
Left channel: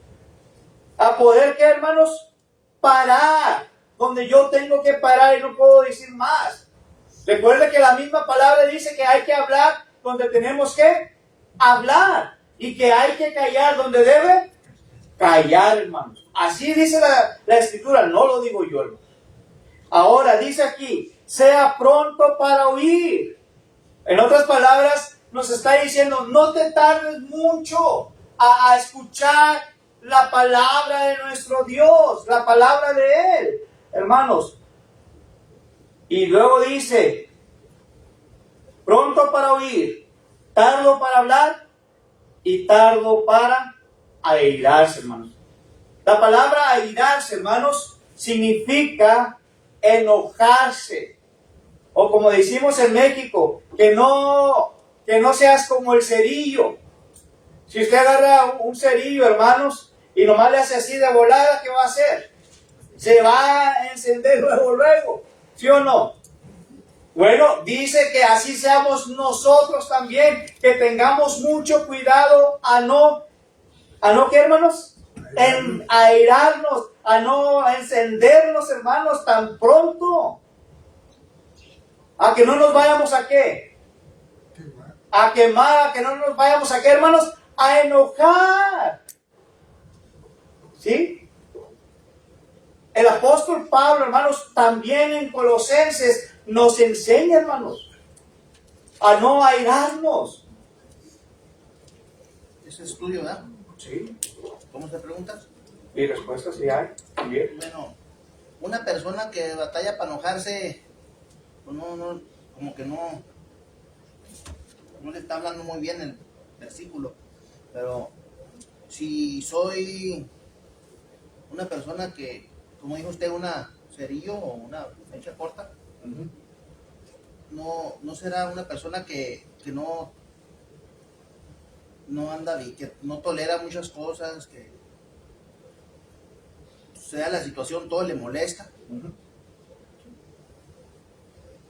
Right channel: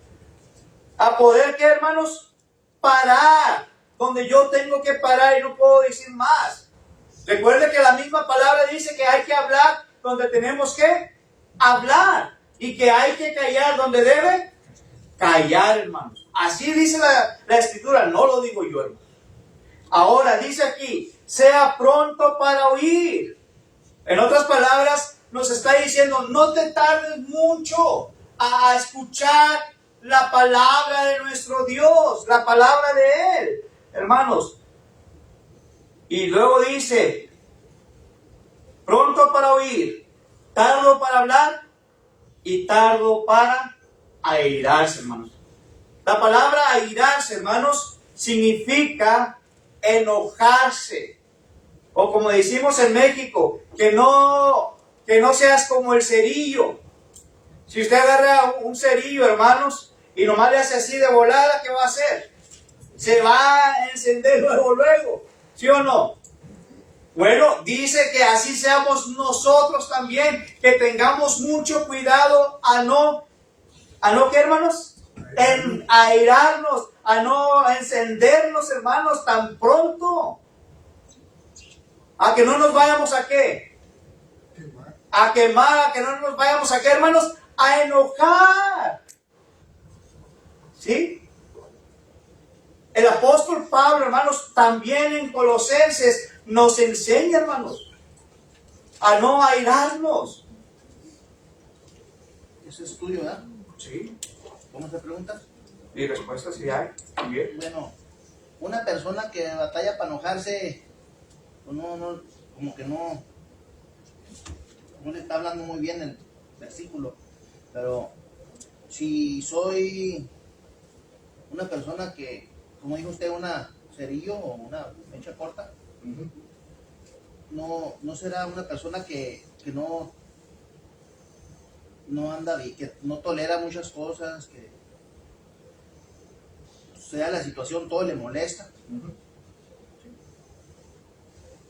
A poder, ¿qué, hermanos? Parar. Donde yo tengo que parar y no puedo decir más. Recuerde que la misma palabra dice que hay que hablar donde tenemos que hablar. Y que hay que callar donde debe callar, hermanos. Así dice la Escritura, no lo digo yo, hermanos. Ahora dice aquí: sea pronto para oír. En otras palabras, nos está diciendo: no te tardes mucho a escuchar la palabra de nuestro Dios, la palabra de Él, hermanos. Y luego dice: pronto para oír, tardo para hablar y tardo para airarse, hermanos. La palabra airarse, hermanos, significa enojarse, o como decimos en México, que no seas como el cerillo. Si usted agarra un cerillo, hermanos, y nomás le hace así de volada, ¿qué va a hacer? Se va a encender luego, ¿sí o no? Bueno, dice que así seamos nosotros también, que tengamos mucho cuidado a no, ¿qué, hermanos? En airarnos, a no encendernos, hermanos, tan pronto. A que no nos vayamos a ¿qué? A quemar, a que no nos vayamos a ¿qué, hermanos? A enojar. ¿Sí? El apóstol Pablo, hermanos, también en Colosenses nos enseña, hermanos, a no airarnos. Ese estudio, ¿verdad? Sí. ¿Cómo se pregunta? Y respuestas sí hay, también. Bueno, una persona que batalla para enojarse, pues como que no le está hablando muy bien el versículo. Pero si soy una persona que, como dijo usted, una cerillo o una mecha corta, no será una persona que no anda bien, que no tolera muchas cosas, que sea la situación, todo le molesta.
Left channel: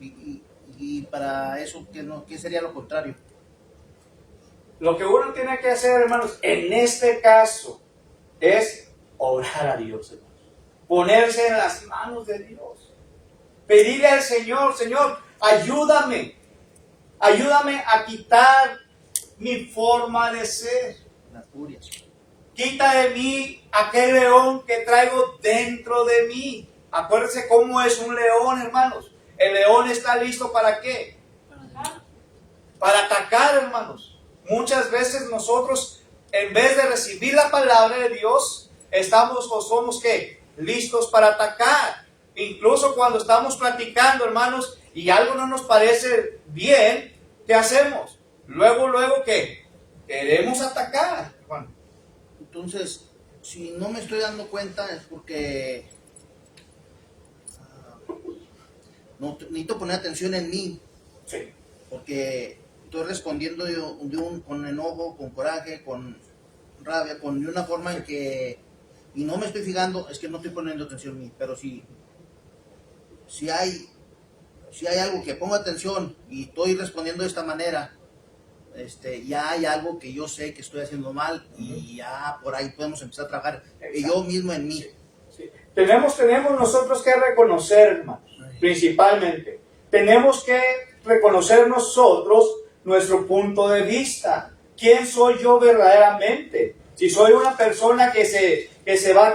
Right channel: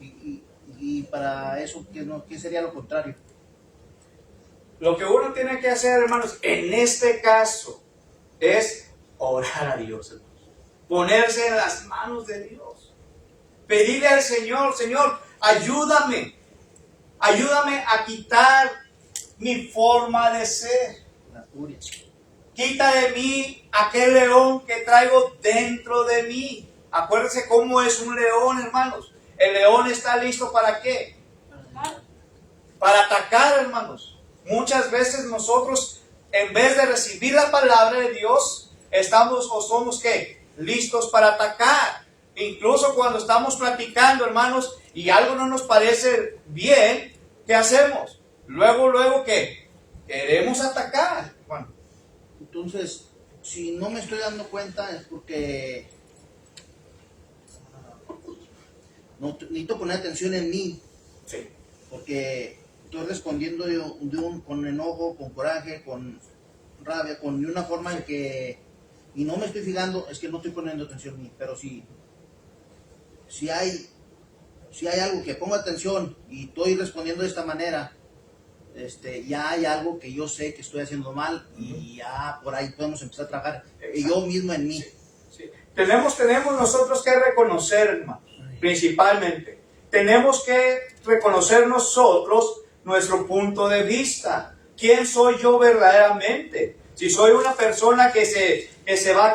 Y para eso, ¿qué sería lo contrario? Lo que uno tiene que hacer, hermanos, en este caso, es orar a Dios, hermanos. Ponerse en las manos de Dios. Pedirle al Señor: Señor, ayúdame a quitar mi forma de ser. La furia. Quita de mí aquel león que traigo dentro de mí. Acuérdense cómo es un león, hermanos. El león está listo ¿para qué? Para atacar, hermanos. Muchas veces nosotros, en vez de recibir la palabra de Dios, estamos o somos ¿qué? Listos para atacar. Incluso cuando estamos platicando, hermanos, y algo no nos parece bien, ¿qué hacemos? Luego, ¿qué? Queremos atacar. Juan. Entonces, si no me estoy dando cuenta es porque no necesito poner atención en mí, Sí. porque estoy respondiendo con enojo, con coraje, con rabia, con de una forma en que, y no me estoy fijando, es que no estoy poniendo atención en mí, pero si hay algo que pongo atención y estoy respondiendo de esta manera, ya hay algo que yo sé que estoy haciendo mal y ya por ahí podemos empezar a trabajar yo mismo en mí. Sí. Tenemos nosotros que reconocer, hermanos, principalmente. Tenemos que reconocer nosotros nuestro punto de vista. ¿Quién soy yo verdaderamente? Si soy una persona que se va a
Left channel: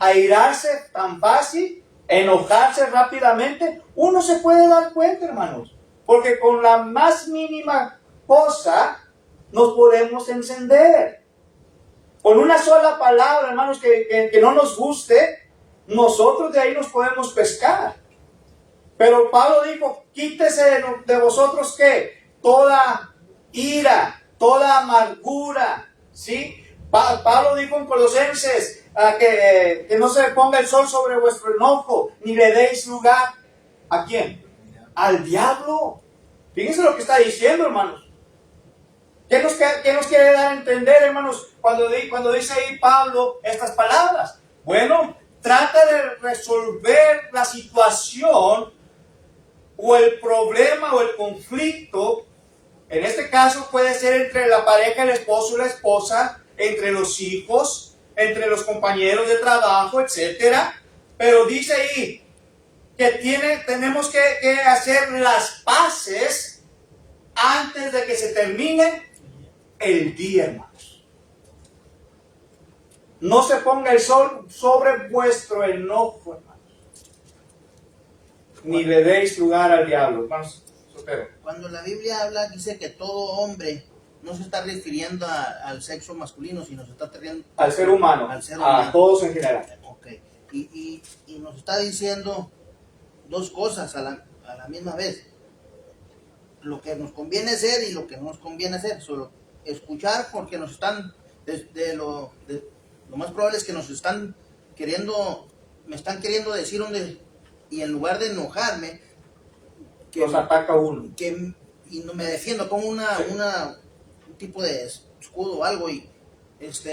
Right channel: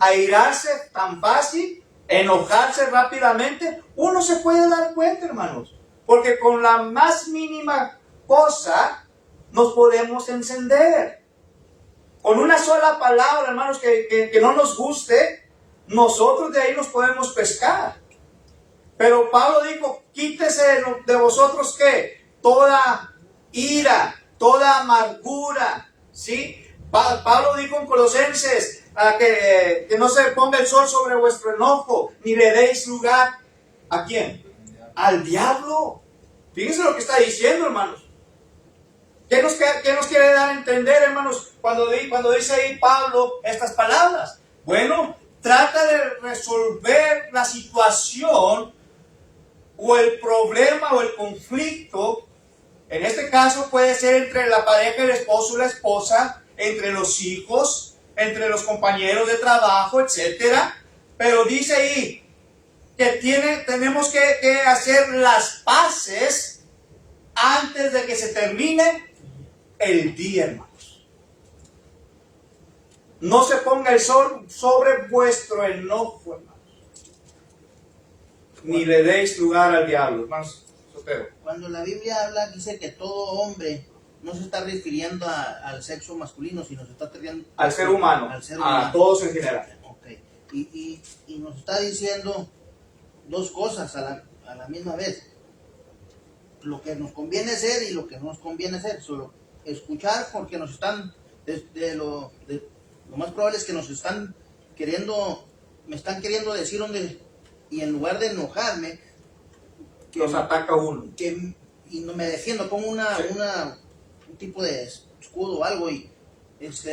airarse tan fácil, enojarse rápidamente, uno se puede dar cuenta, hermanos. Porque con la más mínima cosa nos podemos encender. Con una sola palabra, hermanos, que no nos guste, nosotros de ahí nos podemos pescar. Pero Pablo dijo, quítese de vosotros, ¿qué? Toda ira, toda amargura, ¿sí? Pablo dijo en Colosenses que no se ponga el sol sobre vuestro enojo, ni le deis lugar. ¿A quién? Al diablo. Fíjense lo que está diciendo, hermanos. ¿Qué nos quiere dar a entender, hermanos, cuando dice ahí Pablo estas palabras? Bueno, trata de resolver la situación o el problema o el conflicto. En este caso puede ser entre la pareja, el esposo y la esposa, entre los hijos, entre los compañeros de trabajo, etcétera. Pero dice ahí que tenemos que hacer las paces antes de que se termine el día, hermanos. No se ponga el sol sobre vuestro enojo, hermanos. Ni le deis lugar al diablo, hermanos. Sotero. Cuando la Biblia habla, dice que todo hombre no se está refiriendo al sexo masculino, sino se está refiriendo Al ser humano, a todos en general. Okay. Y nos está diciendo dos cosas a la misma vez. Lo que nos conviene hacer y lo que no nos conviene hacer. Solo escuchar, porque nos están, lo más probable es que nos están me están queriendo decir y en lugar de enojarme, Los ataca uno. Y me defiendo, pongo un tipo de escudo o algo, y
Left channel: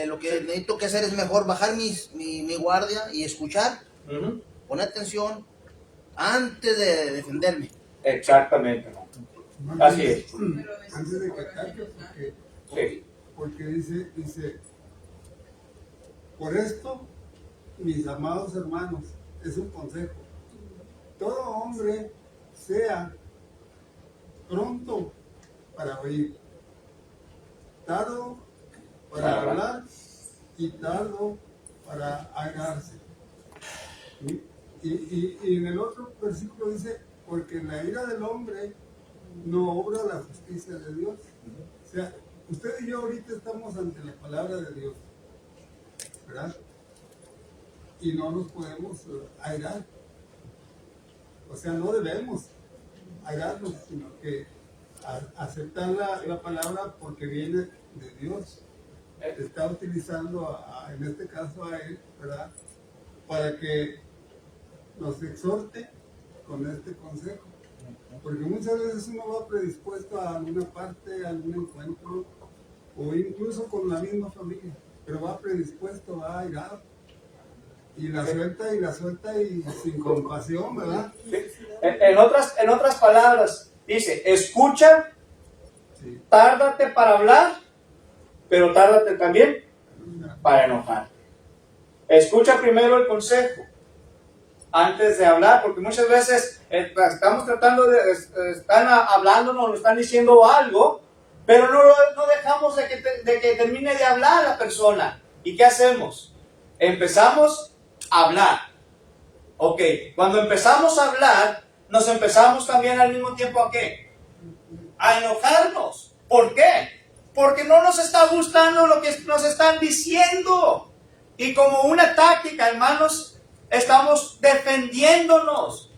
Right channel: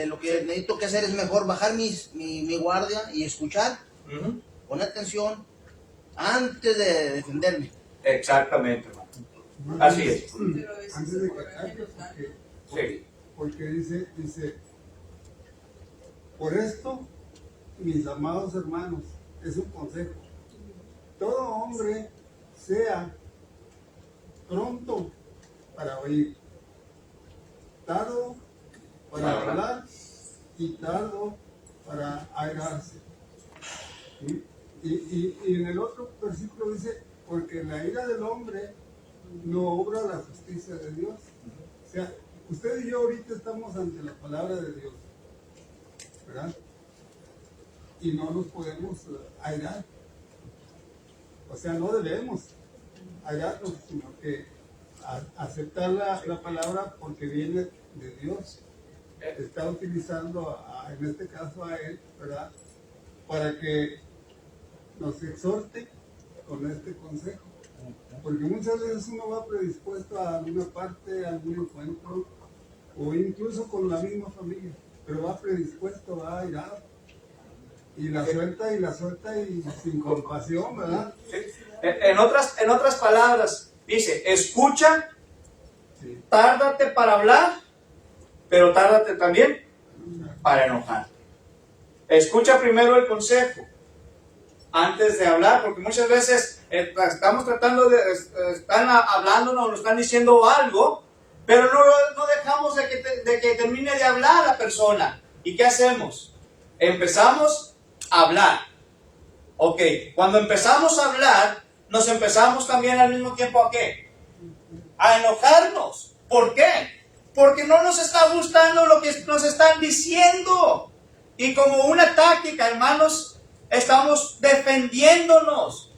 lo que necesito que hacer es mejor bajar mi guardia y escuchar, poner atención antes de defenderme. Exactamente, hermano. Así es. Pero a veces Antes de el que coraje ataque, nos gana. Sí. porque dice, por esto, mis amados hermanos, es un consejo. Todo hombre sea pronto para oír, tardo para hablar y tardo para airarse. ¿Sí? Y en el otro versículo dice, porque en la ira del hombre no obra la justicia de Dios. O sea, usted y yo ahorita estamos ante la palabra de Dios, ¿verdad? Y no nos podemos airar. O sea, no debemos airarnos, sino que aceptar la palabra porque viene de Dios. Está utilizando, en este caso a Él, ¿verdad? Para que nos exhorte con este consejo. Porque muchas veces uno va predispuesto a alguna parte, a algún encuentro, o incluso con la misma familia, pero va predispuesto, va airado. Y la suelta y sin compasión, ¿verdad? Sí. En otras palabras, dice, escucha, Sí. tárdate para hablar, pero tárdate también para enojarte. Escucha primero el consejo antes de hablar, porque muchas veces estamos tratando están hablándonos, nos están diciendo algo, pero no dejamos de que termine de hablar la persona. ¿Y qué hacemos? Empezamos a hablar. Ok, cuando empezamos a hablar, nos empezamos también al mismo tiempo ¿a qué? A enojarnos. ¿Por qué? Porque no nos está gustando lo que nos están diciendo. Y como una táctica, hermanos, estamos defendiéndonos.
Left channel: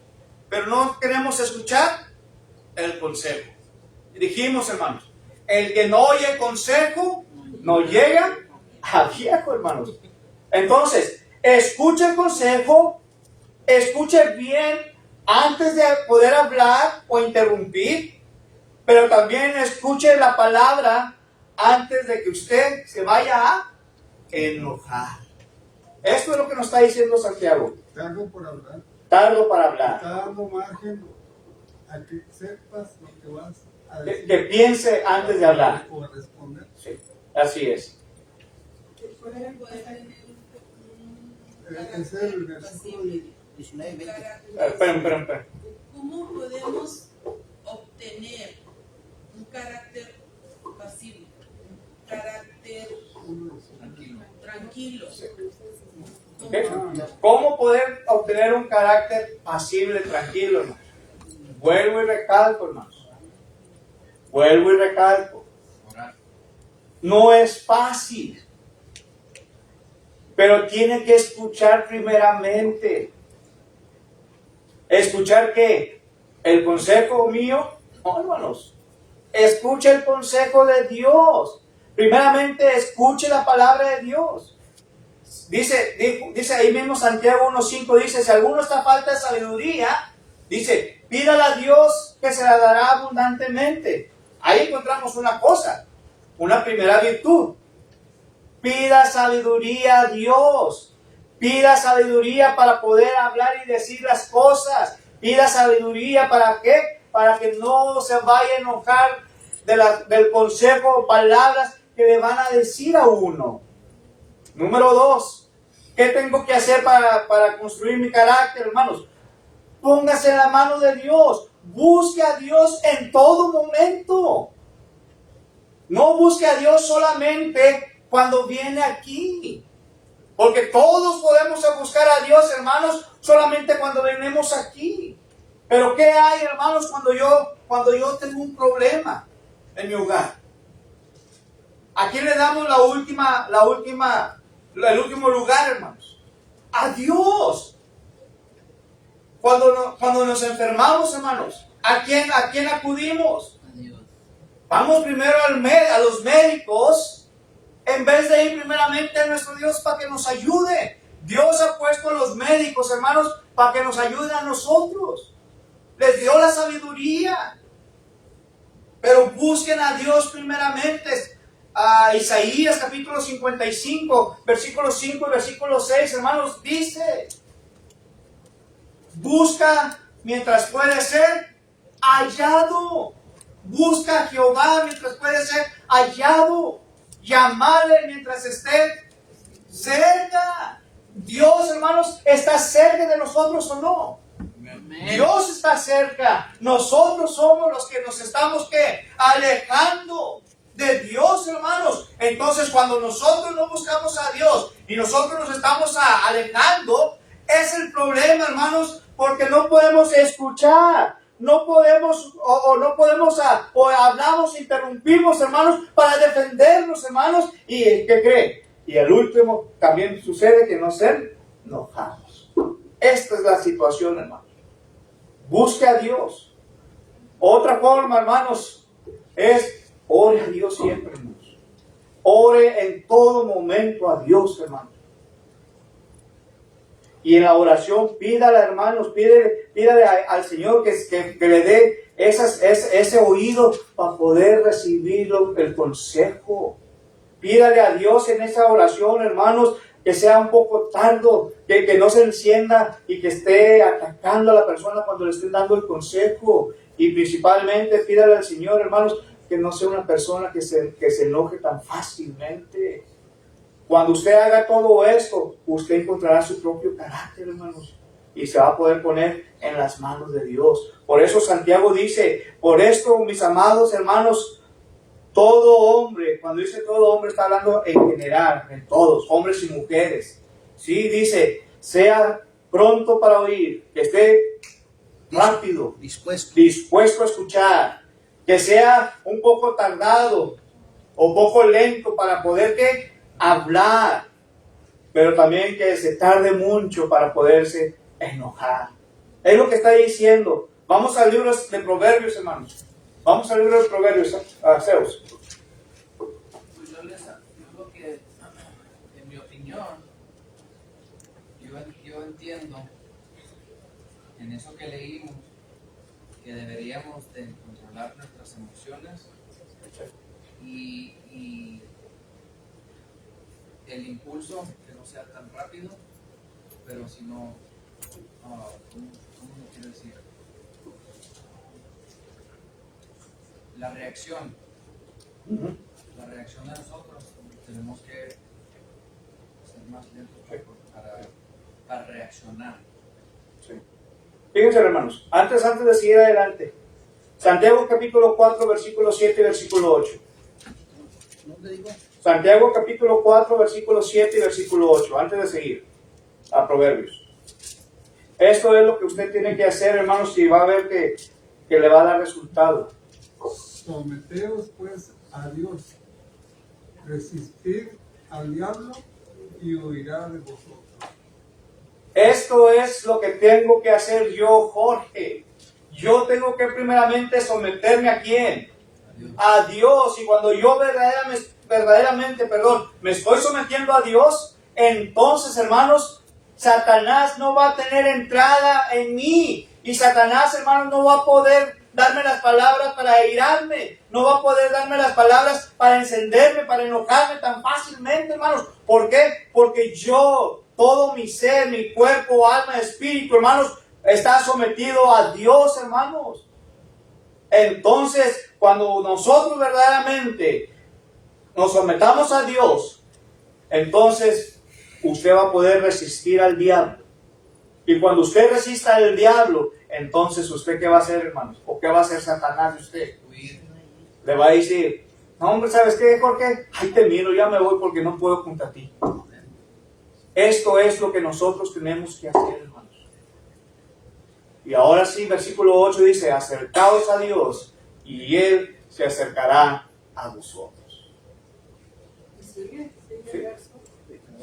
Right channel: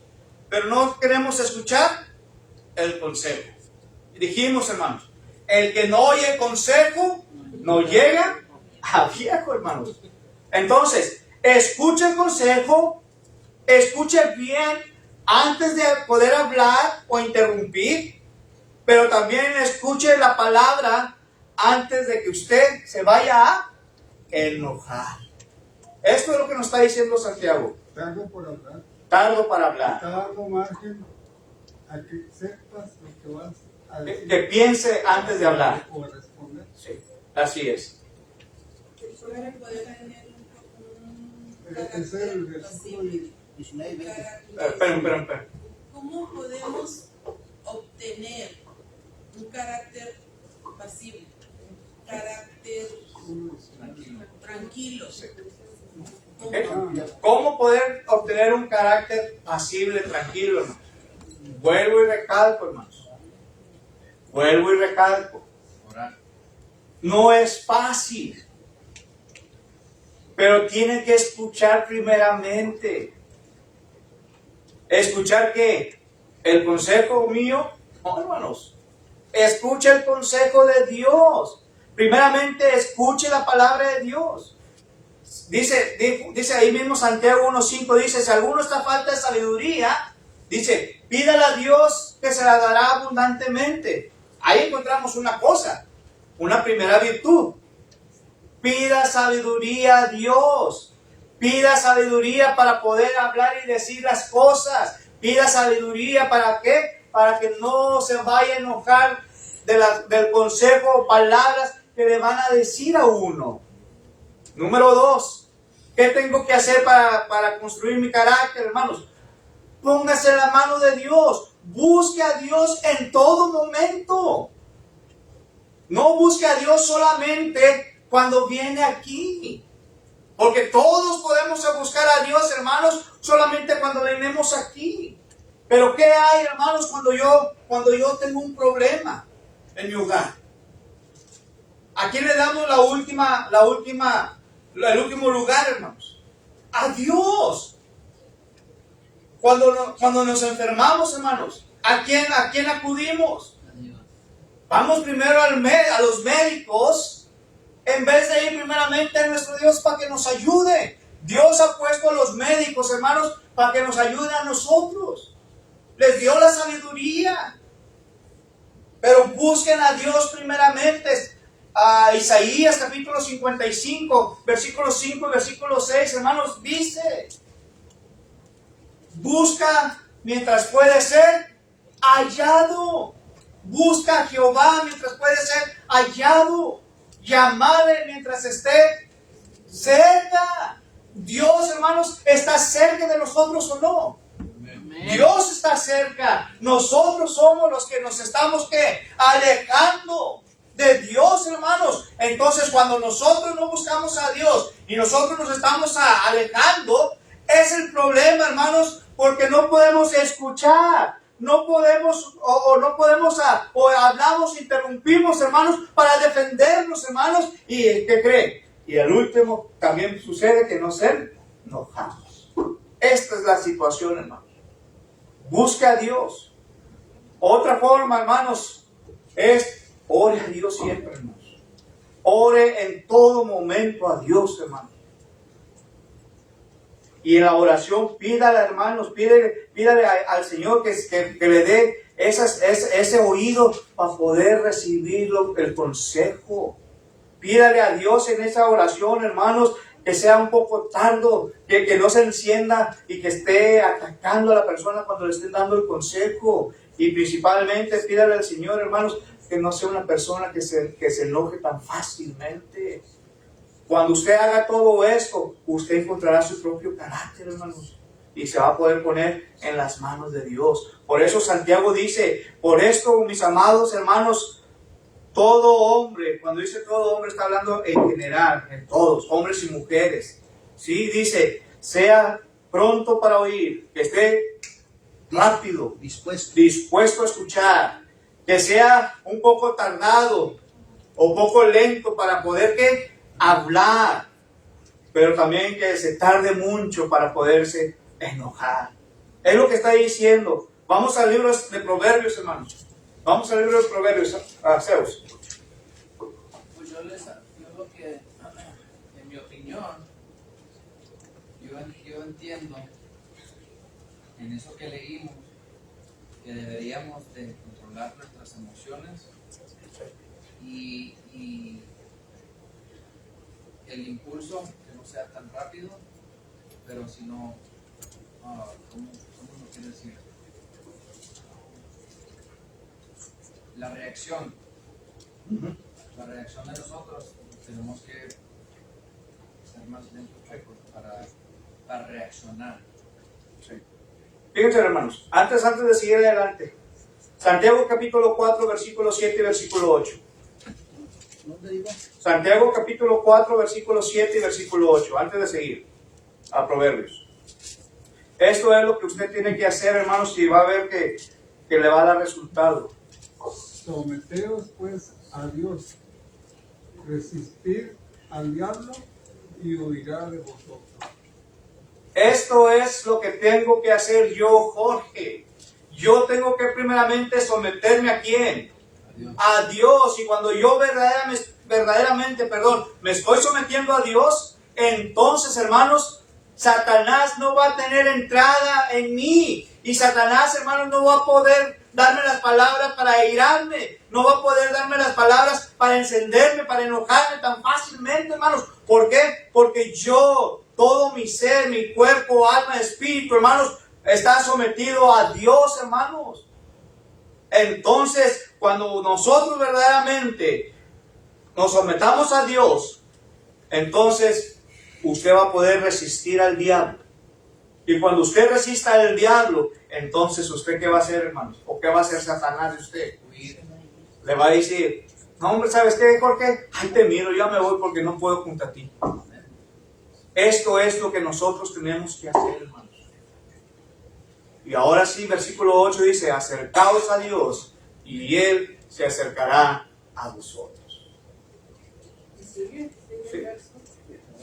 pero no queremos escuchar el consejo. Dijimos, hermanos, el que no oye consejo, no llega a viejo, hermanos. Entonces, escuche el consejo, escuche bien antes de poder hablar o interrumpir, pero también escuche la palabra antes de que usted se vaya a enojar. Esto es lo que nos está diciendo Santiago. Tardo por hablar. Tardo para hablar. Tardo margen a que sepas lo que vas a Que decir. piense antes de hablar. O responder. Sí, así es. Puede tener un Ese es el versículo. 19 y 20. Esperen. ¿Cómo podemos obtener un carácter pasible, un carácter tranquilo? ¿Ok? ¿Cómo poder obtener un carácter pasible, tranquilo, hermanos? Vuelvo y recalco, hermanos. Vuelvo y recalco. No es fácil. Pero tiene que escuchar primeramente. ¿Escuchar qué? ¿El consejo mío? No, hermanos. Escuche el consejo de Dios. Primeramente, escuche la palabra de Dios. Dice ahí mismo Santiago 1.5, dice, si alguno está falta de sabiduría, dice, pídala a Dios que se la dará abundantemente. Ahí encontramos una cosa, una primera virtud. Pida sabiduría a Dios. Pida sabiduría para poder hablar y decir las cosas. Pida sabiduría para ¿qué? Para que no se vaya a enojar del consejo o palabras que le van a decir a uno. Número 2. ¿Qué tengo que hacer para construir mi carácter, hermanos? Póngase en la mano de Dios. Busque a Dios en todo momento. No busque a Dios solamente cuando viene aquí. Porque todos podemos buscar a Dios, hermanos, solamente cuando venimos aquí. Pero ¿qué hay, hermanos, cuando yo tengo un problema en mi hogar? ¿A quién le damos el último lugar, hermanos? A Dios. Cuando nos enfermamos, hermanos, ¿a quién acudimos? Vamos primero a los médicos, en vez de ir primeramente a nuestro Dios para que nos ayude. Dios ha puesto a los médicos, hermanos, para que nos ayuden a nosotros. Les dio la sabiduría. Pero busquen a Dios primeramente. A Isaías capítulo 55, versículos 5 y versículo 6, hermanos, dice: busca mientras puede ser hallado. Busca a Jehová mientras puede ser hallado. Llamadle mientras esté cerca. Dios, hermanos, ¿está cerca de nosotros o no? Dios está cerca. Nosotros somos los que nos estamos ¿qué? Alejando de Dios, hermanos. Entonces, cuando nosotros no buscamos a Dios y nosotros nos estamos alejando, es el problema, hermanos, porque no podemos escuchar. No podemos, o hablamos, interrumpimos, hermanos, para defendernos, hermanos. ¿Y qué creen? Y al último, también sucede que nos enojamos. Esta es la situación, hermanos. Busque a Dios. Otra forma, hermanos, es ore a Dios siempre, hermanos. Ore en todo momento a Dios, hermanos. Y en la oración, pídale, hermanos, pídale al Señor que le dé ese oído para poder recibir el consejo. Pídale a Dios en esa oración, hermanos, que sea un poco tardo, que no se encienda y que esté atacando a la persona cuando le estén dando el consejo. Y principalmente pídale al Señor, hermanos, que no sea una persona que se enoje tan fácilmente. Cuando usted haga todo esto, usted encontrará su propio carácter, hermanos, y se va a poder poner en las manos de Dios. Por eso Santiago dice: por esto, mis amados hermanos, todo hombre, cuando dice todo hombre, está hablando en general, en todos, hombres y mujeres. Sí, dice, sea pronto para oír, que esté rápido, dispuesto a escuchar, que sea un poco tardado o poco lento para poder ¿qué? Hablar, pero también que se tarde mucho para poderse enojar. Es lo que está diciendo. Vamos al libro de Proverbios, hermanos. Vamos al libro de Proverbios, Zeus. Pues yo lo que, en mi opinión, yo entiendo en eso que leímos que deberíamos de controlar nuestras emociones y el impulso que no sea tan rápido, pero si no, ¿cómo lo quiero decir? La reacción de nosotros, tenemos que ser más lentos para reaccionar. Sí. Fíjense, hermanos, antes de seguir adelante, Santiago capítulo 4, versículo 7 y versículo 8. ¿Dónde digo? Santiago capítulo 4, versículo 7 y versículo 8, antes de seguir a Proverbios. Esto es lo que usted tiene que hacer, hermanos, y va a ver que le va a dar resultado. Someteos pues a Dios, resistir al diablo y huirá de vosotros. Esto es lo que tengo que hacer yo, Jorge. Yo tengo que primeramente someterme ¿a quién? A Dios. Y cuando yo verdaderamente, me estoy sometiendo a Dios, entonces, hermanos, Satanás no va a tener entrada en mí. Y Satanás, hermanos, no va a poder darme las palabras para airarme. No va a poder darme las palabras para encenderme, para enojarme tan fácilmente, hermanos. ¿Por qué? Porque yo, todo mi ser, mi cuerpo, alma, espíritu, hermanos, está sometido a Dios, hermanos. Entonces, cuando nosotros verdaderamente nos sometamos a Dios, entonces usted va a poder resistir al diablo. Y cuando usted resista al diablo, entonces usted ¿qué va a hacer, hermanos? ¿O qué va a hacer Satanás de usted? Le va a decir, no, hombre, ¿sabes qué, Jorge? Ay, te miro, ya me voy porque no puedo junto a ti. Esto es lo que nosotros tenemos que hacer, hermanos. Y ahora sí, versículo 8 dice, acercaos a Dios y Él se acercará a vosotros. Sí.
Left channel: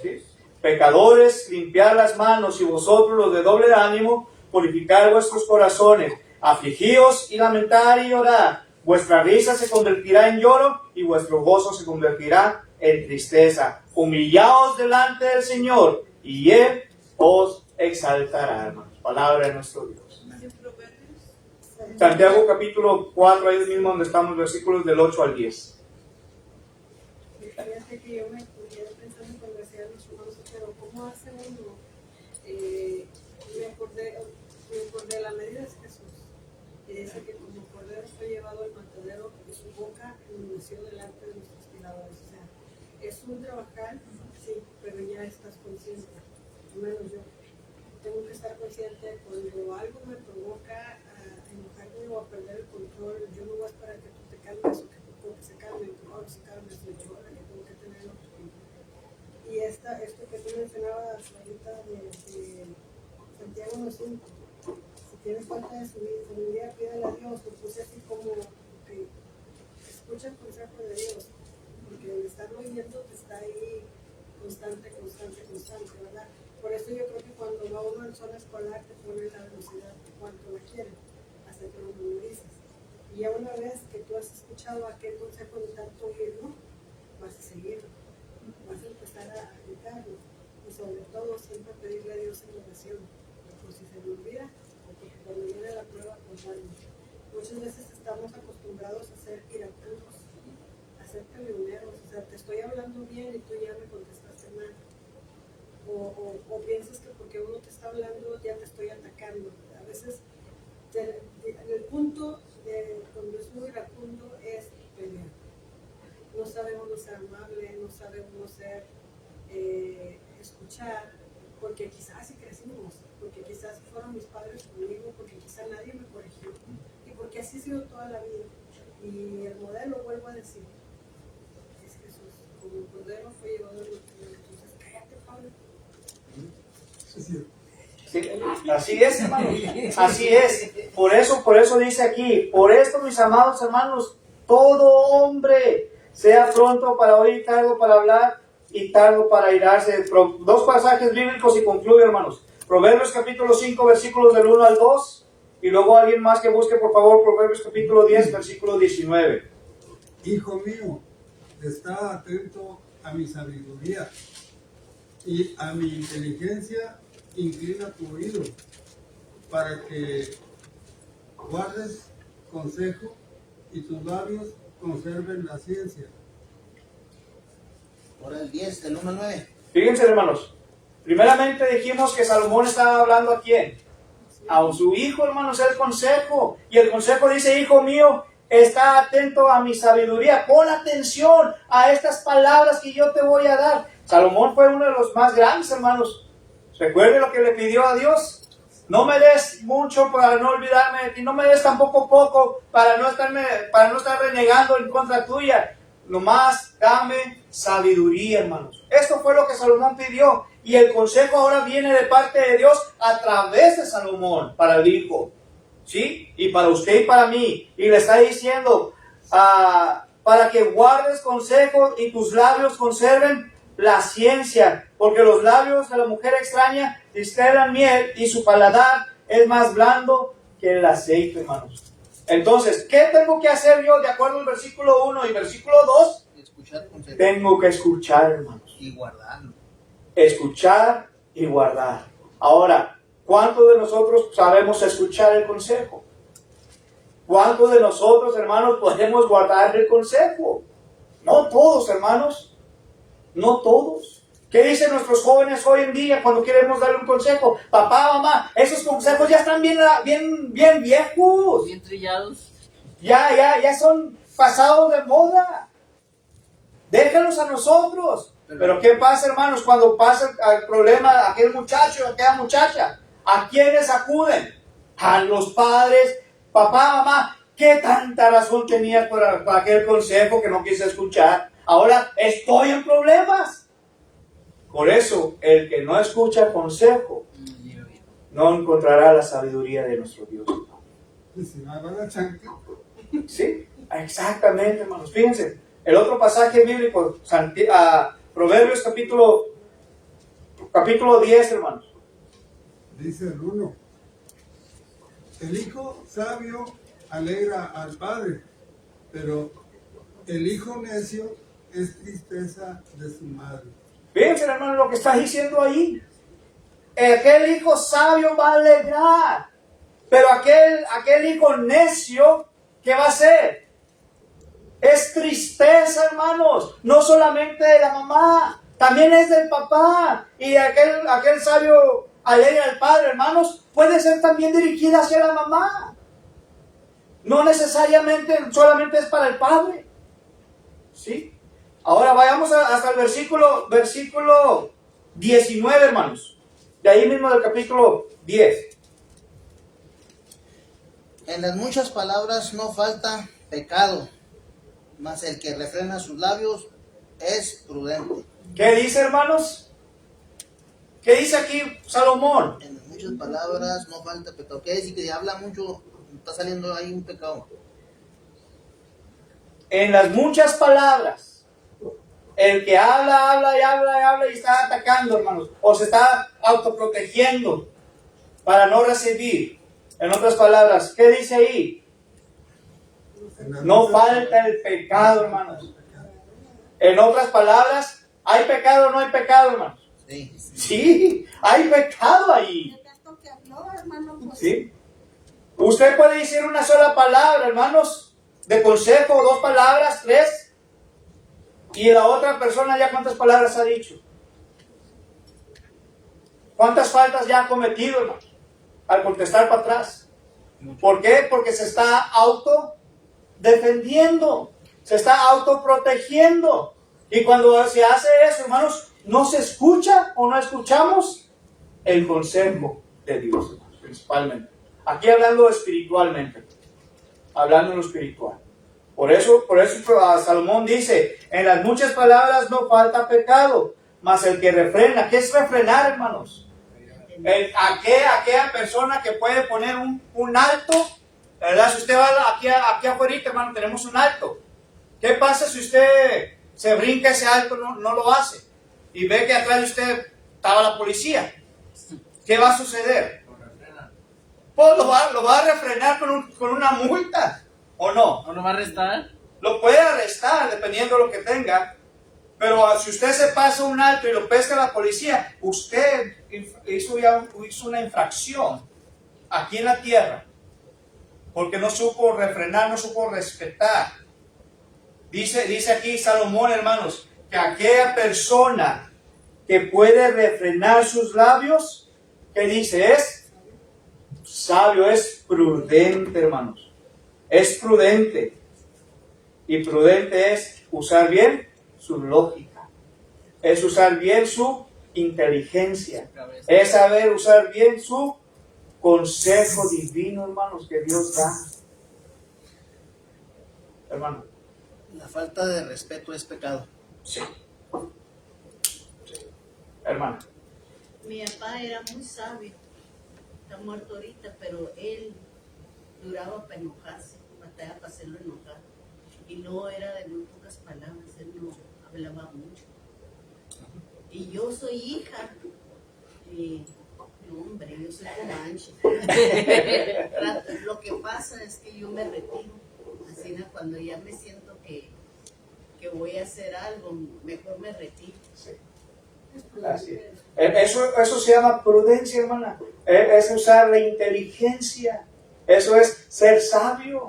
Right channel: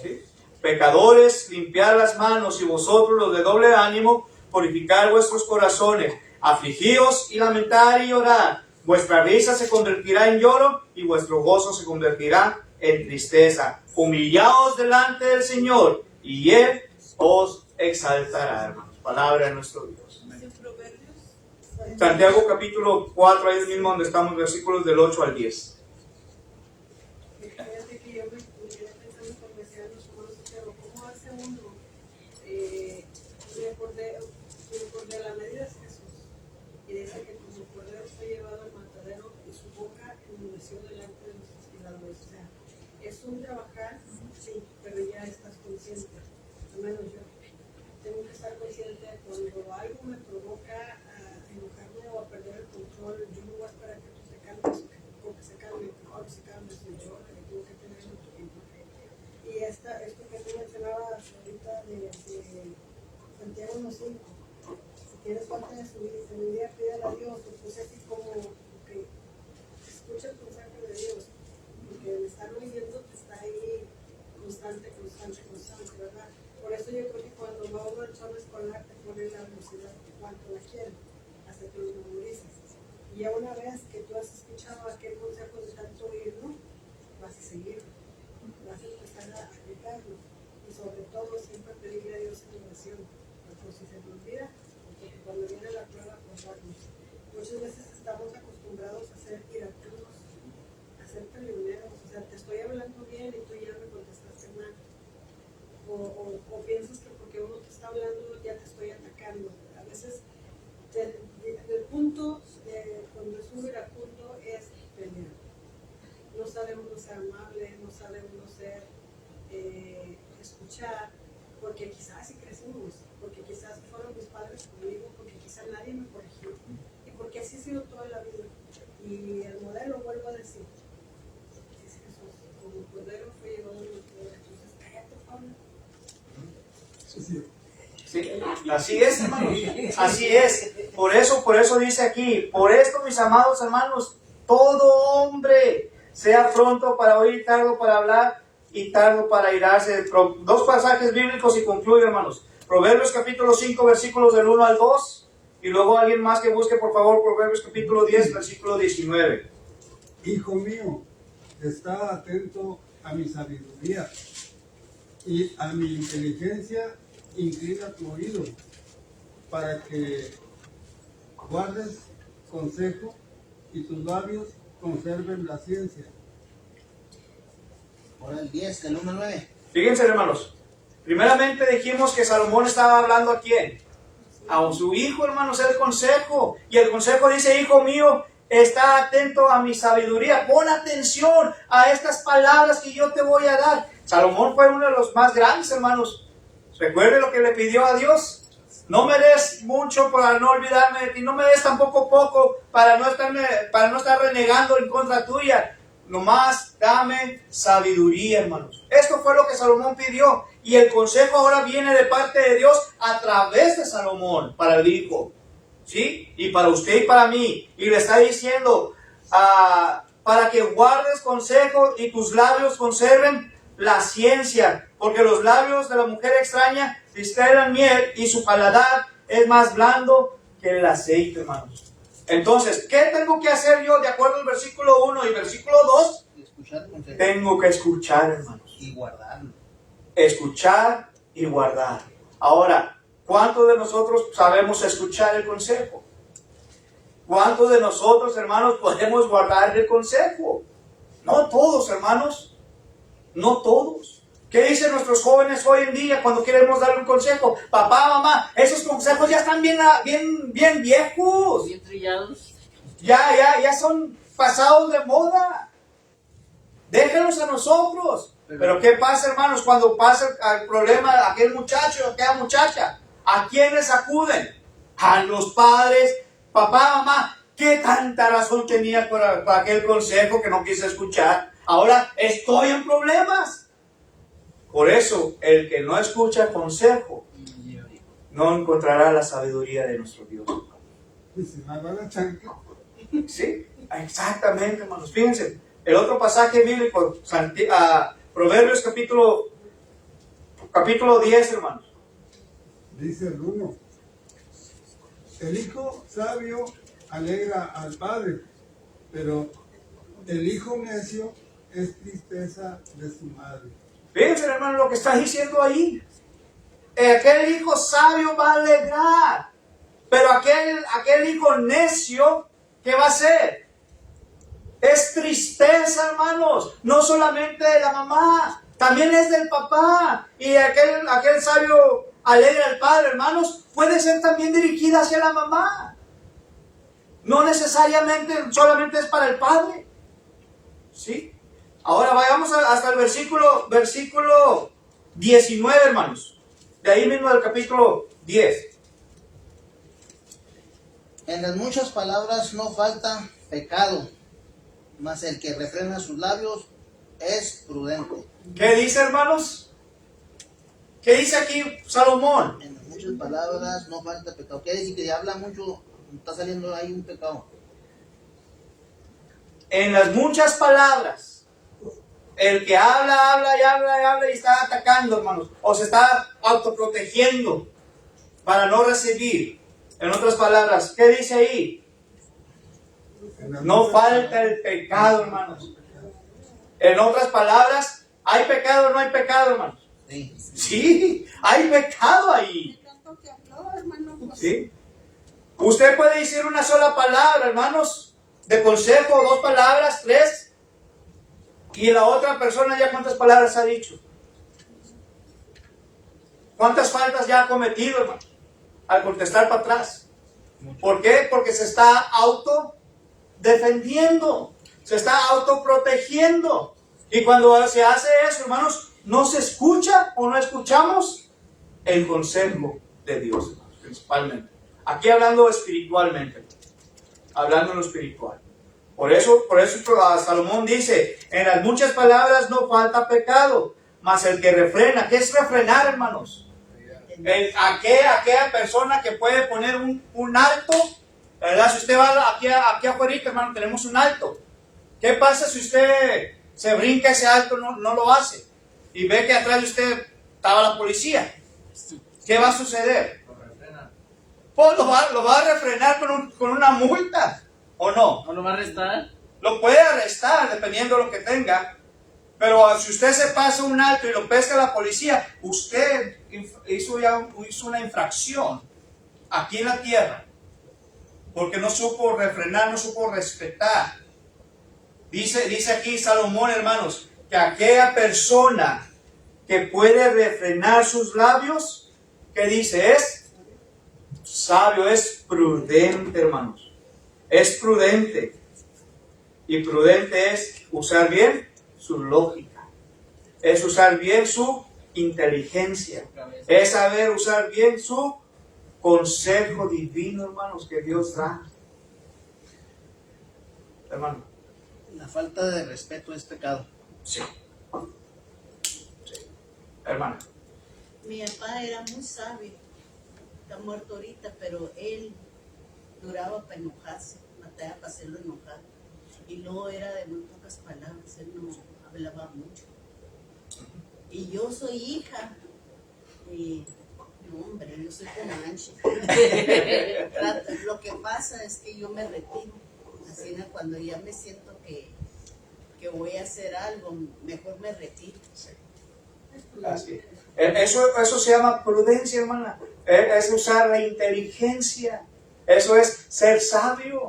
¿Sí? Pecadores, limpiad las manos, y vosotros los de doble ánimo, purificad vuestros corazones. Afligíos y lamentad y llorad. Vuestra risa se convertirá en lloro y vuestro gozo se convertirá en tristeza. Humillaos delante del Señor y Él os exaltará, hermanos. Palabra de nuestro Dios. Santiago capítulo 4, ahí mismo donde estamos, versículos del 8 al 10. Fíjate que yo me quedé pensando cuando decía los hermanos, pero ¿cómo hace uno? Me acordé de la medida de Jesús, y dice que como cordero fue llevado al matadero y su boca enmudeció delante de nuestros tiradores. O sea, es un trabajar, sí, pero ya estás consciente, al menos yo. Tengo que estar consciente cuando algo me provoca a enojarme o a perder el control. Yo no voy a esperar que tú te calmes o que se calme, que Pablo se calme, soy yo la que tengo que tener otro tiempo. Y esto que tú mencionabas ahorita de Santiago 1:5, si tienes falta de sabiduría, pídele a Dios, lo puse así como que escucha el consejo de Dios, porque el estar oyendo está ahí constante, ¿verdad? Por eso yo creo que cuando va uno en zona escolar te ponen la velocidad cuanto la quieren, hasta que lo memorizas. Y ya una vez que tú has escuchado aquel consejo de tanto oírlo, vas a seguirlo, vas a empezar a aplicarlo. Y sobre todo siempre pedirle a Dios en oración, por si se me olvida, o porque cuando viene la prueba, pues bueno. Muchas veces estamos acostumbrados a ser iracundos, a ser peleoneros, o sea, te estoy hablando bien y tú ya me contestaste mal. O piensas que porque uno te está hablando ya te estoy atacando. A veces el punto donde es muy iracundo es pelear. No sabemos no ser amable, no sabemos no ser escuchar, porque quizás así crecimos, porque quizás fueron mis padres conmigo, porque quizás nadie me corrigió y porque así ha sido toda la vida. Y el modelo, vuelvo a decir, es Jesús, como el cordero fue llevado al matadero. Entonces cállate, Pablo. Sí, así es, hermanos, así es. Por eso dice aquí, por esto, mis amados hermanos, todo hombre sea pronto para oír, tardo para hablar y tardo para airarse. Dos pasajes bíblicos y concluyo, hermanos. Proverbios capítulo 5, versículos del 1 al 2. Y luego alguien más que busque, por favor, Proverbios capítulo 10, versículo 19. Hijo mío, está atento a mi sabiduría y a mi inteligencia, inclina tu oído para que guardes consejo y tus labios conserven la ciencia. Ahora el 10, del 1 al 9. Fíjense, hermanos. Primeramente dijimos que Salomón estaba hablando a quién. A su hijo, hermanos, el consejo. Y el consejo dice, hijo mío, está atento a mi sabiduría. Pon atención a estas palabras que yo te voy a dar. Salomón fue uno de los más grandes, hermanos. Recuerde lo que le pidió a Dios. No me des mucho para no olvidarme de ti. No me des tampoco poco para no estar renegando en contra tuya. Nomás dame sabiduría, hermanos. Esto fue lo que Salomón pidió. Y el consejo ahora viene de parte de Dios a través de Salomón para el hijo. ¿Sí? Y para usted y para mí. Y le está diciendo, para que guardes consejo y tus labios conserven la ciencia. Porque los labios de la mujer extraña destilan miel y su paladar es más blando que el aceite, hermanos. Entonces, ¿qué tengo que hacer yo de acuerdo al versículo 1 y versículo 2? Escuchar el consejo. Tengo que escuchar, hermanos. Y guardarlo. Escuchar y guardar. Ahora, ¿cuántos de nosotros sabemos escuchar el consejo? ¿Cuántos de nosotros, hermanos, podemos guardar el consejo? No todos, hermanos. No todos. ¿Qué dicen nuestros jóvenes hoy en día cuando queremos darle un consejo? Papá, mamá, esos consejos ya están bien viejos. Bien trillados. Ya son pasados de moda. Déjalos a nosotros. Pero ¿qué pasa, hermanos, cuando pasa el problema aquel muchacho o aquella muchacha? ¿A quiénes acuden? A los padres. Papá, mamá, ¿qué tanta razón tenías para aquel consejo que no quise escuchar? Ahora estoy en problemas. Por eso, el que no escucha el consejo no encontrará la sabiduría de nuestro Dios. Sí, exactamente, hermanos. Fíjense, el otro pasaje bíblico, Proverbios capítulo 10, hermanos. Dice el 1. El hijo sabio alegra al padre, pero el hijo necio es tristeza de su madre. Fíjense, hermano, lo que está diciendo ahí. Aquel hijo sabio va a alegrar, pero aquel hijo necio, ¿qué va a hacer? Es tristeza, hermanos, no solamente de la mamá, también es del papá. Y aquel sabio alegra al padre, hermanos, puede ser también dirigida hacia la mamá. No necesariamente solamente es para el padre. ¿Sí? Ahora vayamos hasta el versículo 19, hermanos. De ahí mismo del capítulo 10. En las muchas palabras no falta pecado, mas el que refrena sus labios es prudente. ¿Qué dice, hermanos? ¿Qué dice aquí Salomón? En las muchas palabras no falta pecado. ¿Qué decir? Que habla mucho, está saliendo ahí un pecado. En las muchas palabras. El que habla y está atacando, hermanos, o se está autoprotegiendo para no recibir. En otras palabras, ¿qué dice ahí? No falta el pecado, hermanos. En otras palabras, ¿hay pecado o no hay pecado, hermanos? Sí. Sí, hay pecado ahí. ¿Sí? Usted puede decir una sola palabra, hermanos, de consejo, 2 palabras, 3. Y la otra persona ya cuántas palabras ha dicho. ¿Cuántas faltas ya ha cometido, hermano? Al contestar para atrás. ¿Por qué? Porque se está autodefendiendo. Se está autoprotegiendo. Y cuando se hace eso, hermanos, no se escucha o no escuchamos el consejo de Dios, hermanos, principalmente. Aquí hablando espiritualmente. Hablando en lo espiritual. Por eso Salomón dice, en las muchas palabras no falta pecado, mas el que refrena. ¿Qué es refrenar, hermanos? Aquella persona que puede poner un alto, ¿verdad? Si usted va aquí afuera, hermano, tenemos un alto. ¿Qué pasa si usted se brinca ese alto, no lo hace? Y ve que atrás de usted estaba la policía. ¿qué va a suceder? Lo refrenan. Pues lo va a refrenar con una multa, ¿o no? ¿No lo va a arrestar? Lo puede arrestar dependiendo de lo que tenga, pero si usted se pasa un alto y lo pesca la policía, usted hizo una infracción aquí en la tierra, porque no supo refrenar, no supo respetar. Dice aquí Salomón, hermanos, que aquella persona que puede refrenar sus labios, ¿qué dice? Es sabio, es prudente, hermanos. Es prudente. Y prudente es usar bien su lógica. Es usar bien su inteligencia. Es saber usar bien su consejo divino, hermanos, que Dios da. Hermano. La falta de respeto es pecado. Sí. Hermana. Mi papá era muy sabio, está muerto ahorita, pero él duraba para enojarse, batalla para hacerlo enojar. Y luego era de muy pocas palabras, él no hablaba mucho. Y yo soy hija, no hombre, yo soy comanche. Lo que pasa es que yo me retiro, así cuando ya me siento que voy a hacer algo, mejor me retiro. Sí. Así es. Eso se llama prudencia, hermana. Es usar la inteligencia. Eso es ser sabio.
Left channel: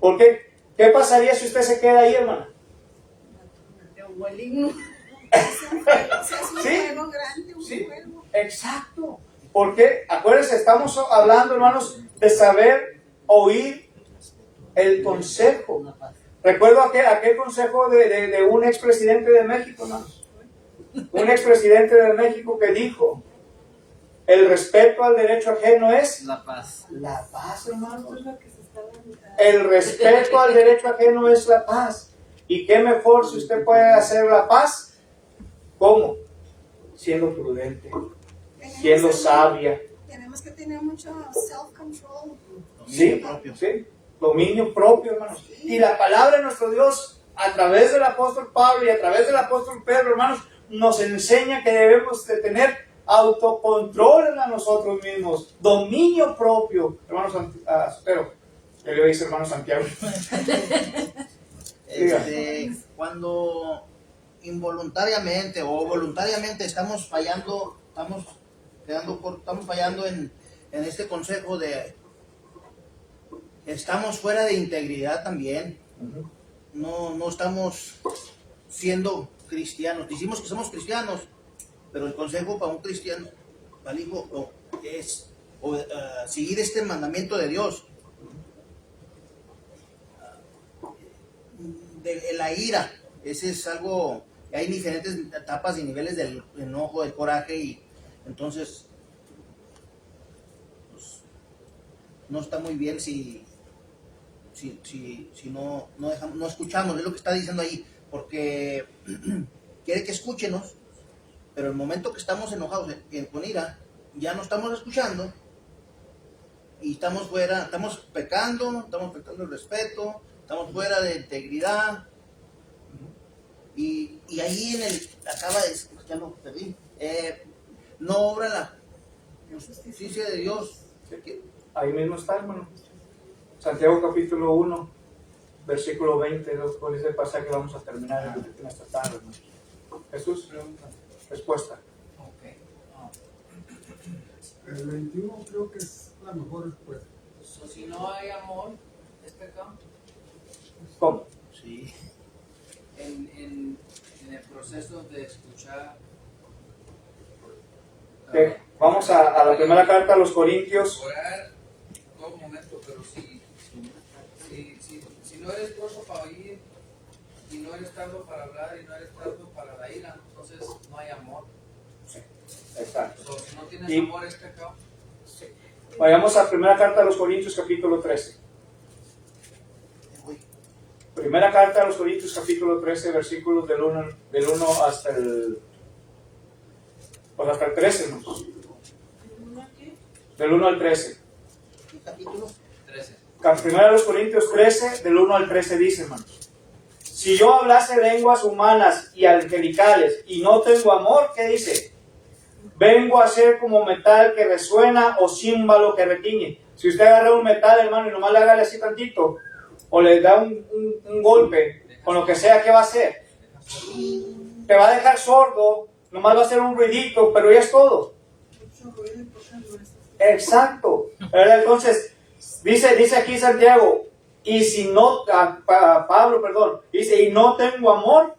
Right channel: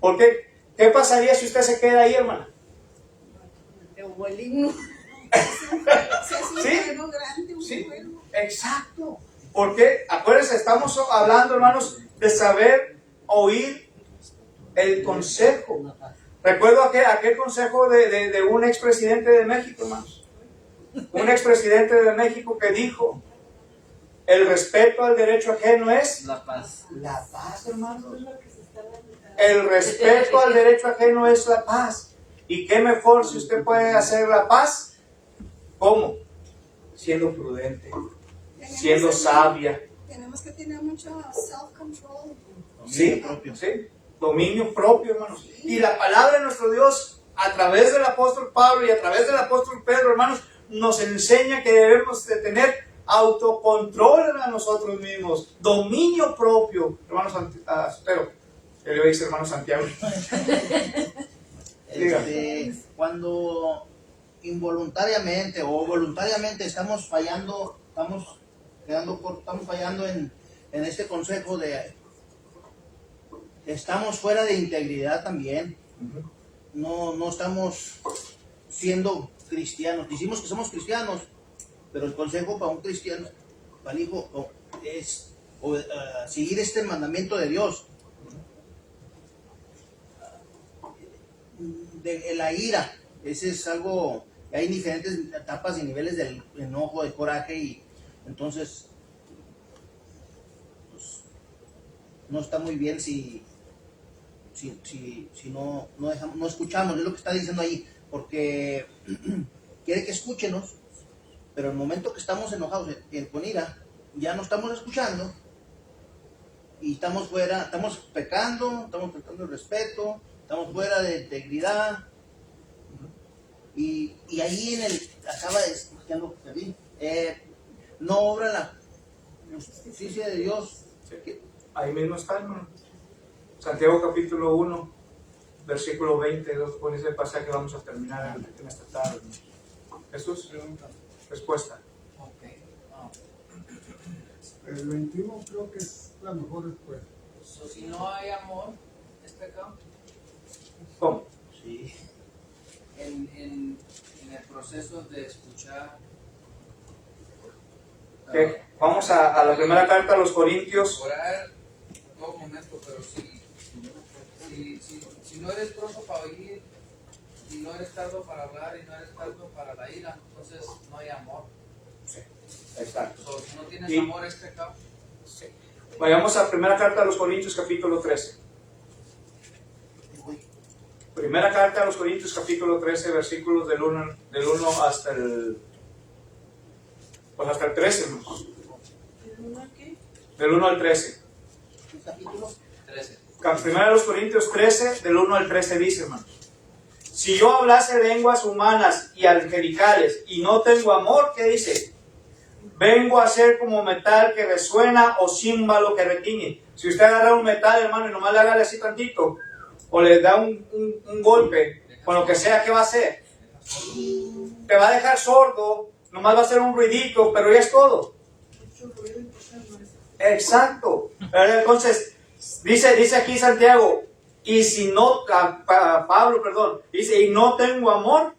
Porque, ¿qué pasaría si usted se queda ahí, hermana? El himno. ¿Sí? Sí, exacto. Porque, acuérdense, estamos hablando, hermanos, de saber oír el consejo. Recuerdo aquel consejo de un expresidente de México, hermanos. Un expresidente de México que dijo: el respeto al derecho ajeno es la paz. La paz, hermanos. El respeto al derecho ajeno es la paz. ¿Y qué mejor si usted puede hacer la paz? ¿Cómo? Siendo prudente, siendo sabia. Tenemos que tener mucho self-control. Sí, sí, dominio propio, hermanos. Y la palabra de nuestro Dios, a través del apóstol Pablo y a través del apóstol Pedro, hermanos, nos enseña que debemos de tener autocontrol a nosotros mismos, dominio propio. Hermanos, pero yo le voy a decir hermano Santiago. Cuando involuntariamente o voluntariamente estamos fallando, estamos fallando en este consejo de estamos fuera de integridad también. No estamos siendo cristianos. Decimos que somos cristianos, pero el consejo para un cristiano, para el hijo, es seguir este mandamiento de Dios. De la ira, ese es algo, hay diferentes etapas y niveles del enojo, del coraje, y entonces pues, no está muy bien si no escuchamos, es lo que está diciendo ahí, porque quiere que escúchenos, pero el momento que estamos enojados con ira, ya no estamos escuchando y estamos fuera, estamos pecando, estamos faltando el respeto, estamos fuera de integridad, y ahí ya lo perdí, no obra la justicia de Dios. Ahí mismo está, hermano. Santiago capítulo 1, versículo 20, con ese pasaje que vamos a terminar en esta tarde, hermano. Jesús, pregunta, respuesta. El 21 creo que es la mejor respuesta. Si no hay amor, ¿es pecado? ¿Cómo? Sí. En el proceso de escuchar. Vamos a la primera carta a los Corintios. Orar todo momento, pero si no eres pronto para oír, y no eres tardo para hablar, y no eres tardo para la ira, entonces no hay amor. Sí, exacto. Si no tienes amor, es pecado. Sí. Vayamos a primera carta a los Corintios capítulo 13. Primera carta a los Corintios capítulo 13, versículos del 1 hasta el 13, ¿no? ¿El 1 a qué? Del 1 al 13. Capítulo 13. Primera de los Corintios 13, del 1 al 13 dice, hermanos: si yo hablase lenguas humanas y angelicales y no tengo amor, ¿qué dice? vengo a ser como metal que resuena o címbalo que retiñe. Si usted agarra un metal, hermano, y nomás le haga así tantito, o le da un golpe, con lo que sea, ¿qué va a hacer? Te va a dejar sordo, nomás va a hacer un ruidito, pero ya es todo. Exacto. Entonces, dice aquí Santiago, y si no, Pablo, perdón, dice, y no tengo amor,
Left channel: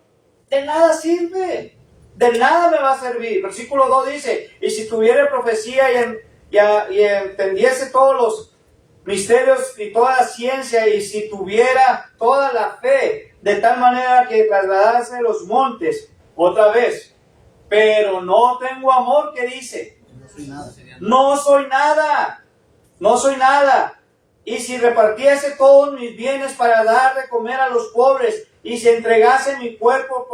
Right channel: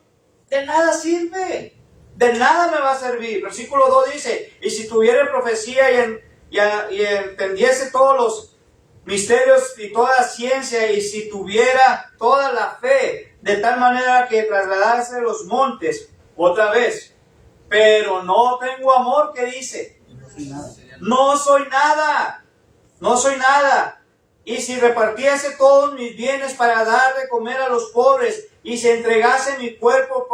de nada sirve, de nada me va a servir. Versículo 2 dice, y si tuviera profecía y entendiese todos los misterios y toda la ciencia, y si tuviera toda la fe, de tal manera que trasladase los montes, otra vez, pero no tengo amor, ¿qué dice? No soy nada, no soy nada. Y si repartiese todos mis bienes para dar de comer a los pobres, y si entregase mi cuerpo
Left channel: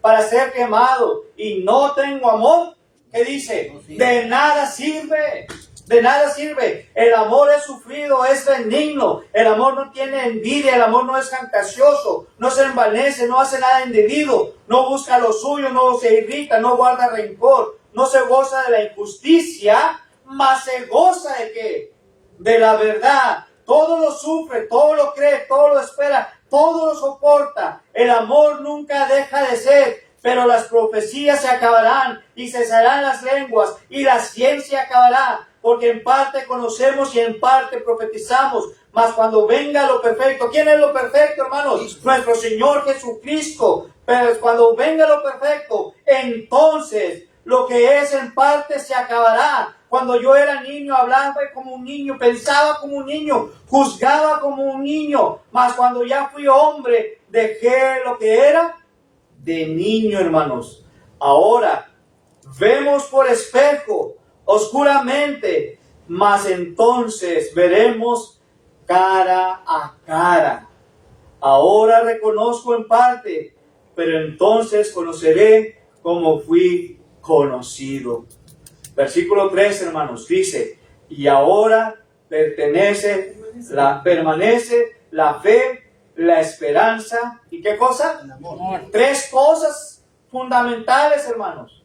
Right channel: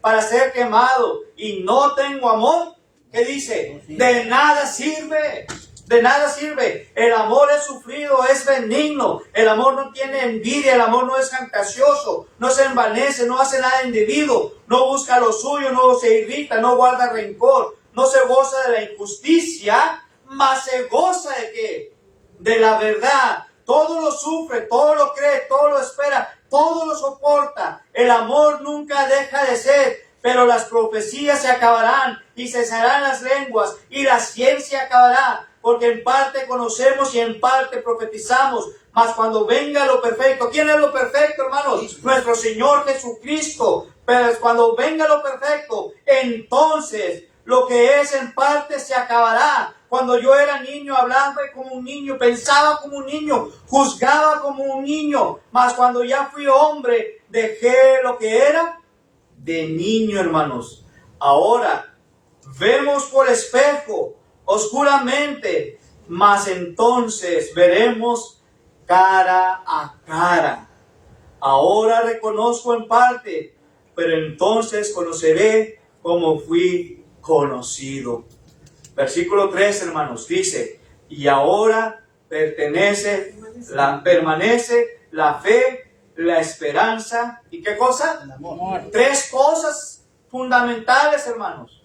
para ser quemado, y no tengo amor, ¿qué dice? De nada sirve, de nada sirve. El amor es sufrido, es benigno, el amor no tiene envidia, el amor no es jactancioso, no se envanece, no hace nada indebido, no busca lo suyo, no se irrita, no guarda rencor, no se goza de la injusticia, mas se goza de ¿qué? De la verdad. Todo lo sufre, todo lo cree, todo lo espera, todo lo soporta. El amor nunca deja de ser, pero las profecías se acabarán y cesarán las lenguas y la ciencia acabará, porque en parte conocemos y en parte profetizamos. Mas cuando venga lo perfecto, ¿quién es lo perfecto, hermanos? Nuestro Señor Jesucristo. Pero cuando venga lo perfecto, entonces lo que es en parte se acabará. Cuando yo era niño, hablaba como un niño, pensaba como un niño, juzgaba como un niño. Mas cuando ya fui hombre, dejé lo que era de niño, hermanos. Ahora vemos por espejo, oscuramente, mas entonces veremos cara a cara. Ahora reconozco en parte, pero entonces conoceré como fui conocido. Versículo 3, hermanos, dice, y ahora permanece la fe, la esperanza, ¿y qué cosa? El amor. 3 cosas fundamentales, hermanos.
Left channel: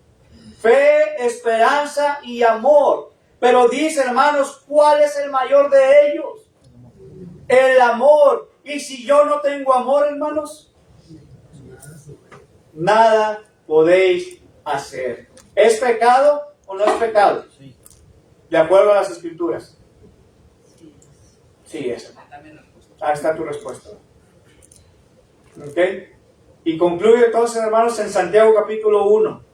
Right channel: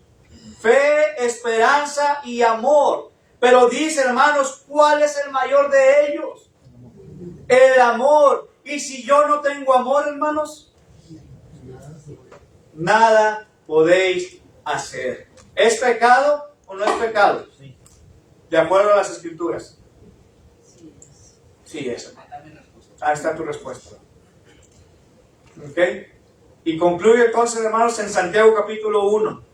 Fe, esperanza y amor. Pero dice, hermanos, ¿cuál es el mayor de ellos? El amor. Y si yo no tengo amor, hermanos, nada podéis hacer. ¿Es pecado o no es pecado? Sí. De acuerdo a las escrituras. Sí, es. También Ahí está tu respuesta. ¿Ok? Y concluye entonces, hermanos, en Santiago capítulo 1,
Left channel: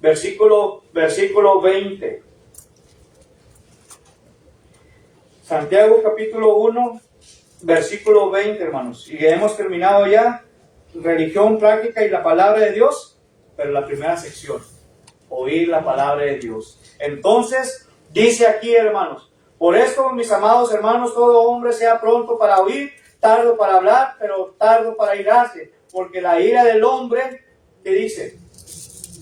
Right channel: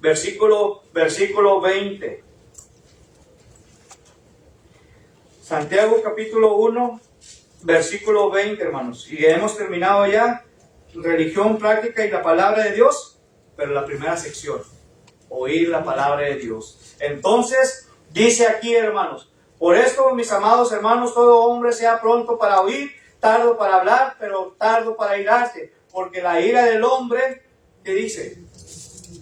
versículo 20. Santiago capítulo 1, versículo 20, hermanos. Y hemos terminado ya religión, práctica y la palabra de Dios, pero la primera sección, oír la palabra de Dios. Entonces, dice aquí, hermanos, por esto, mis amados hermanos, todo hombre sea pronto para oír, tardo para hablar, pero tardo para irarse, porque la ira del hombre, ¿qué dice?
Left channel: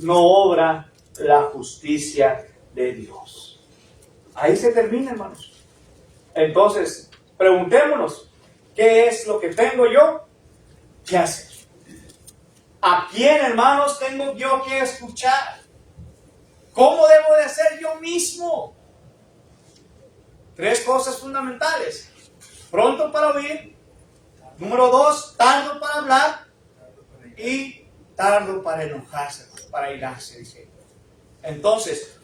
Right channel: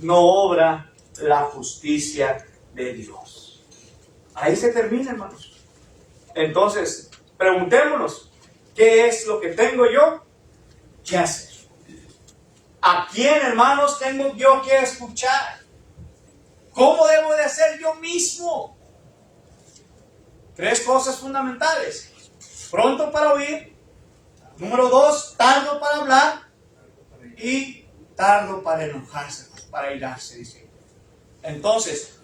No obra la justicia de Dios. Ahí se termina, hermanos. Entonces, preguntémonos, ¿qué es lo que tengo yo que hacer? ¿A quién, hermanos, tengo yo que escuchar? ¿Cómo debo de ser yo mismo? 3 cosas fundamentales. Pronto para oír. Número 2, tardo para hablar. Y tardo para enojarse, para irarse, dice. Entonces,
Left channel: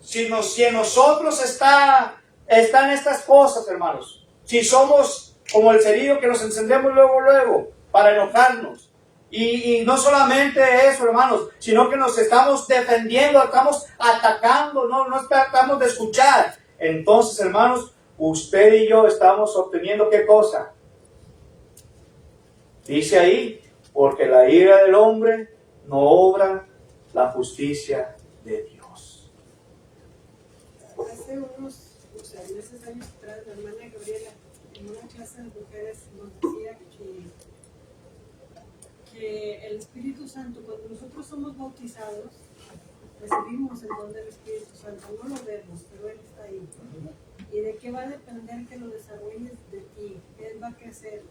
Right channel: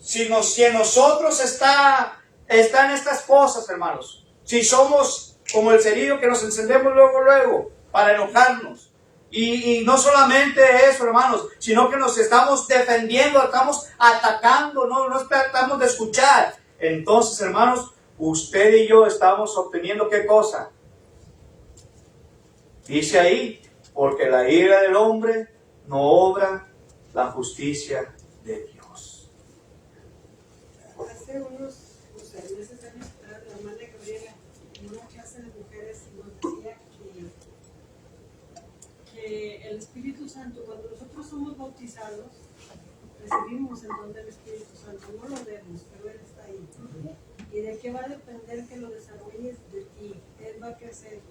si en nosotros están estas cosas, hermanos, si somos como el cerillo que nos encendemos luego, para enojarnos, y no solamente eso, hermanos, sino que nos estamos defendiendo, estamos atacando, no tratamos de escuchar. Entonces, hermanos, usted y yo estamos obteniendo ¿qué cosa? Dice ahí, porque la ira del hombre no obra la justicia de Dios. Hace unos años atrás, la hermana Gabriela, en una clase de mujeres, nos decía que el Espíritu Santo, cuando nosotros somos bautizados, recibimos el don del Espíritu Santo. No lo vemos, pero Él está ahí. ¿Y de qué va a depender que lo desarrolles de ti? Él va a crecer.